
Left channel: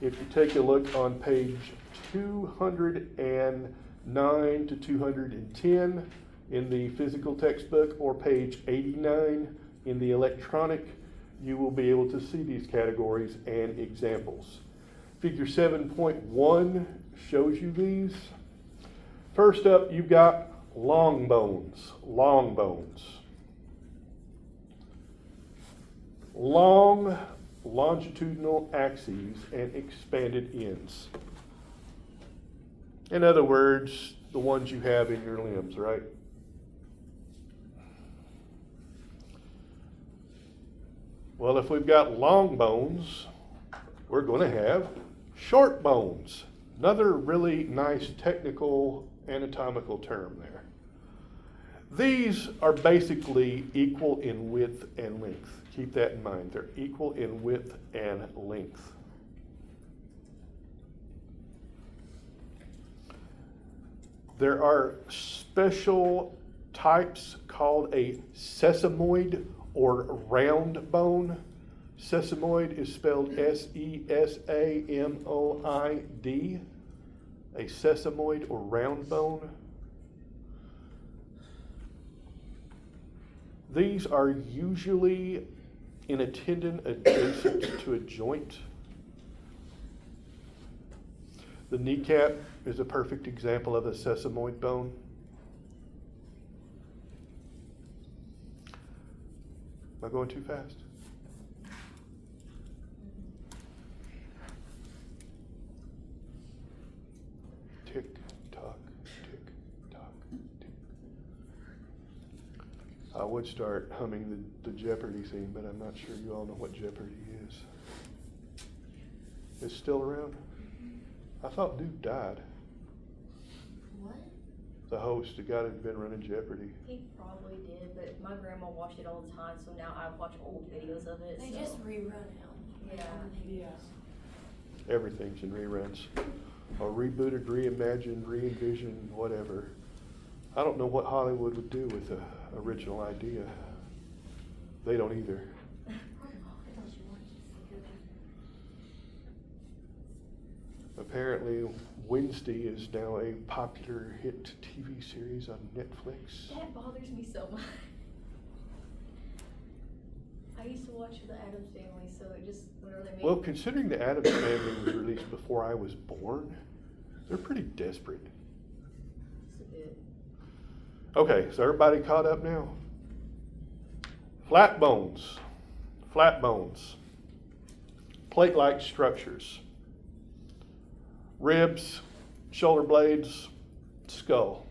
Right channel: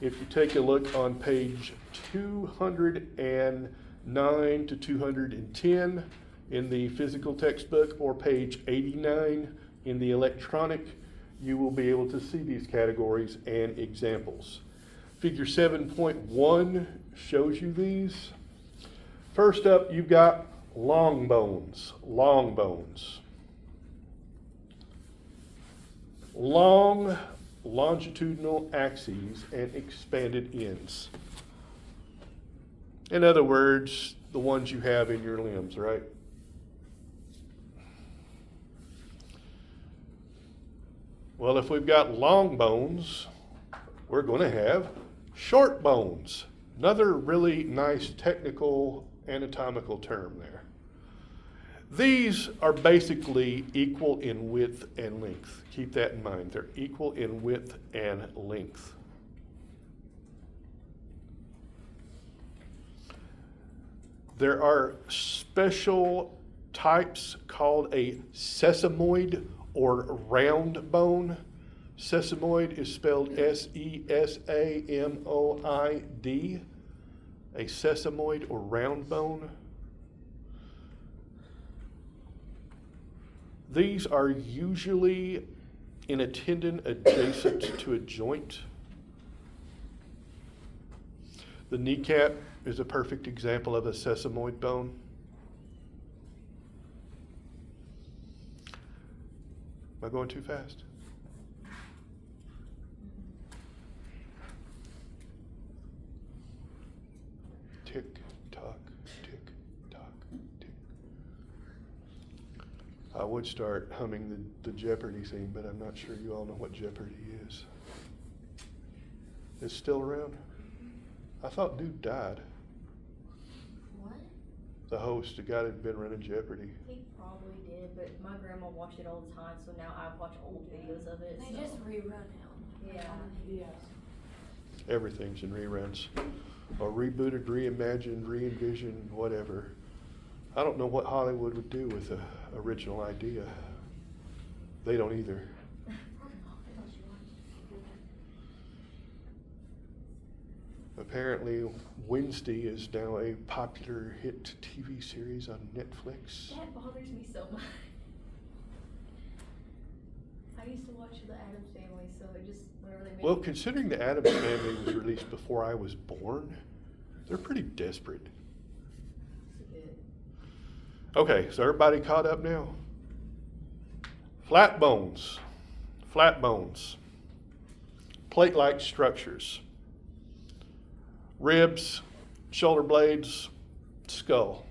if you take a look on page 209 to 210 in the physical textbook, or page 89 in the electronic, you will be able to see these categories and examples. Figure 7.1 shows you these. First up, you've got long bones. Long longitudinal axes and expanded ends. In other words, the ones you have in your limbs, right? Well, if we've got long bones, we're going to have short bones. Another really nice technical anatomical term there. These are basically equal in width and length. Keep that in mind. They're equal in width and length. There are special types called a sesamoid or round bone. Sesamoid is spelled S-E-S-A-M-O-I-D. A sesamoid or round bone. These are usually in a tendon adjacent to a joint. The kneecap is a perfect example of a sesamoid bone. Am I going too fast? Tick tock, tick tock, tick. I would start humming the Jeopardy theme, but I'm not sure you all know what Jeopardy is. It's still around? I thought dude died. What? The host, the guy that had been running Jeopardy. He probably did, but my grandma watched it all the time, so now I watch old videos of it. They so. just rerun it. Yeah. Yeah. Everything's in reruns. Or rebooted, reimagined, re-envisioned, whatever. I don't know what Hollywood would do with an original idea. They don't either. Apparently, Wednesday is now a popular hit TV series on Netflix. That bothers me so much. I used to watch The Addams Family, so it just, whenever they made Well, considering the Addams Family was released before I was born, they're pretty desperate. it's a bit. Okay, so everybody caught up now? Flat bones. Flat bones. Plate-like structures. Ribs, shoulder blades, skull.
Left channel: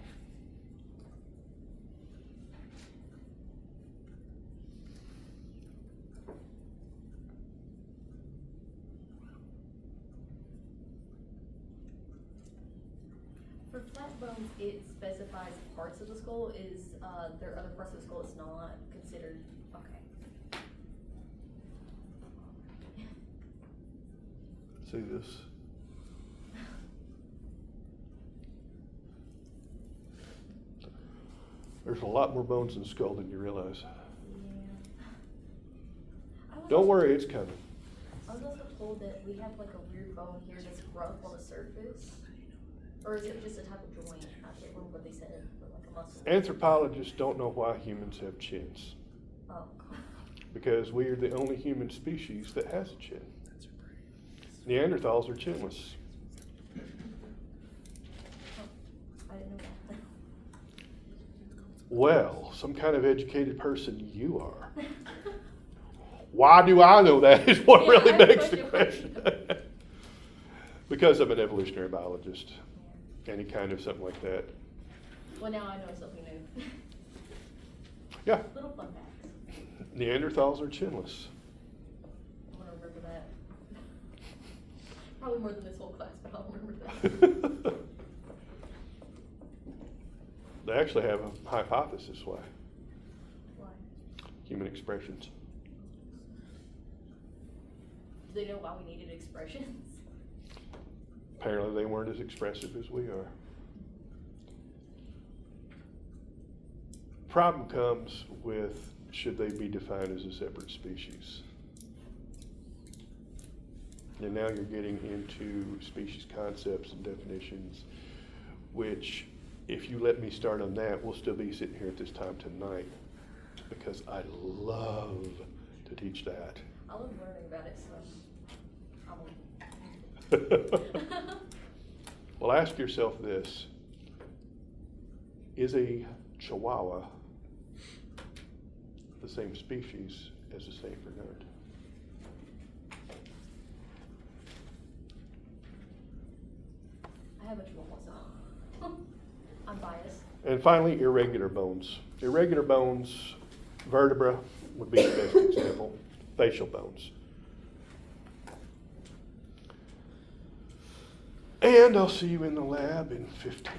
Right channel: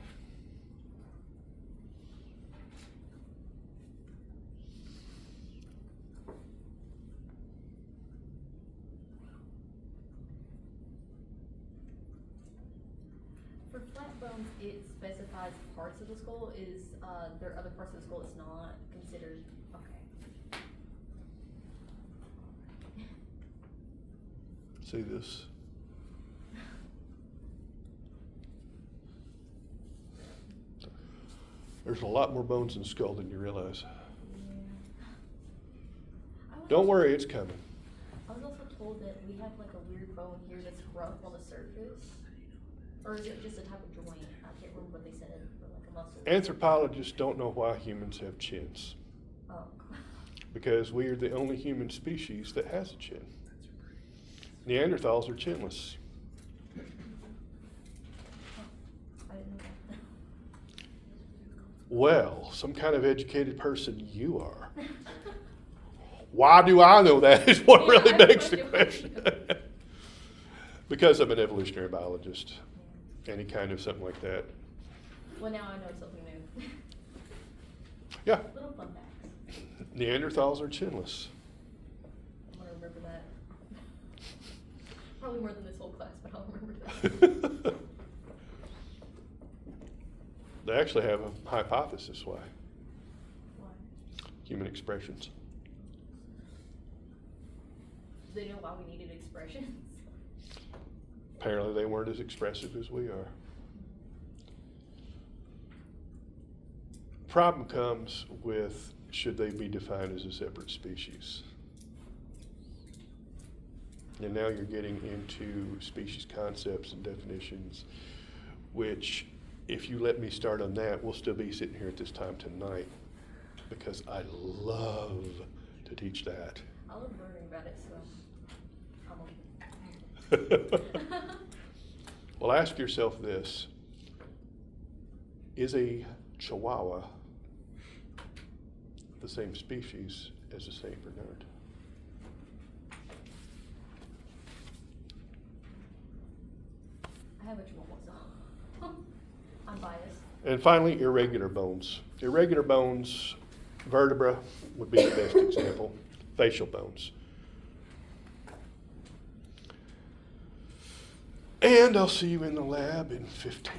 For flat bones, it specifies parts of the skull. Is there are other parts of the skull that's not considered? Okay. See this? There's a lot more bones in the skull than you realize. Yeah. I was Don't also- worry, it's coming. I was also told that we have like a weird bone here that's rough on the surface, or is it just a type of joint? I can't remember what they said, or like a muscle. Anthropologists don't know why humans have chins. Oh. Because we are the only human species that has a chin. Neanderthals are chinless. I didn't know that. Well, some kind of educated person you are. Why do I know that is what Yeah, really I begs the question. question. Because I'm an evolutionary biologist. Any kind of something like that. Well, now I know something new. Yeah, Little fun facts. Neanderthals are chinless. I'm gonna remember that. Probably more than this whole class, but I'll remember that. They actually have a hypothesis why. Why? Human expressions. Do they know why we needed expressions? Apparently they weren't as expressive as we are. Problem comes with, should they be defined as a separate species? And now you're getting into species concepts and definitions, which, if you let me start on that, we'll still be sitting here at this time tonight, because I love to teach that. I love learning about it, so I'm Well, ask yourself this. Is a Chihuahua the same species as a Saint Bernard? I have a chihuahua, so I'm biased. And finally, irregular bones. Irregular bones, vertebra would be the best example. Facial bones. And I'll see you in the lab in 15.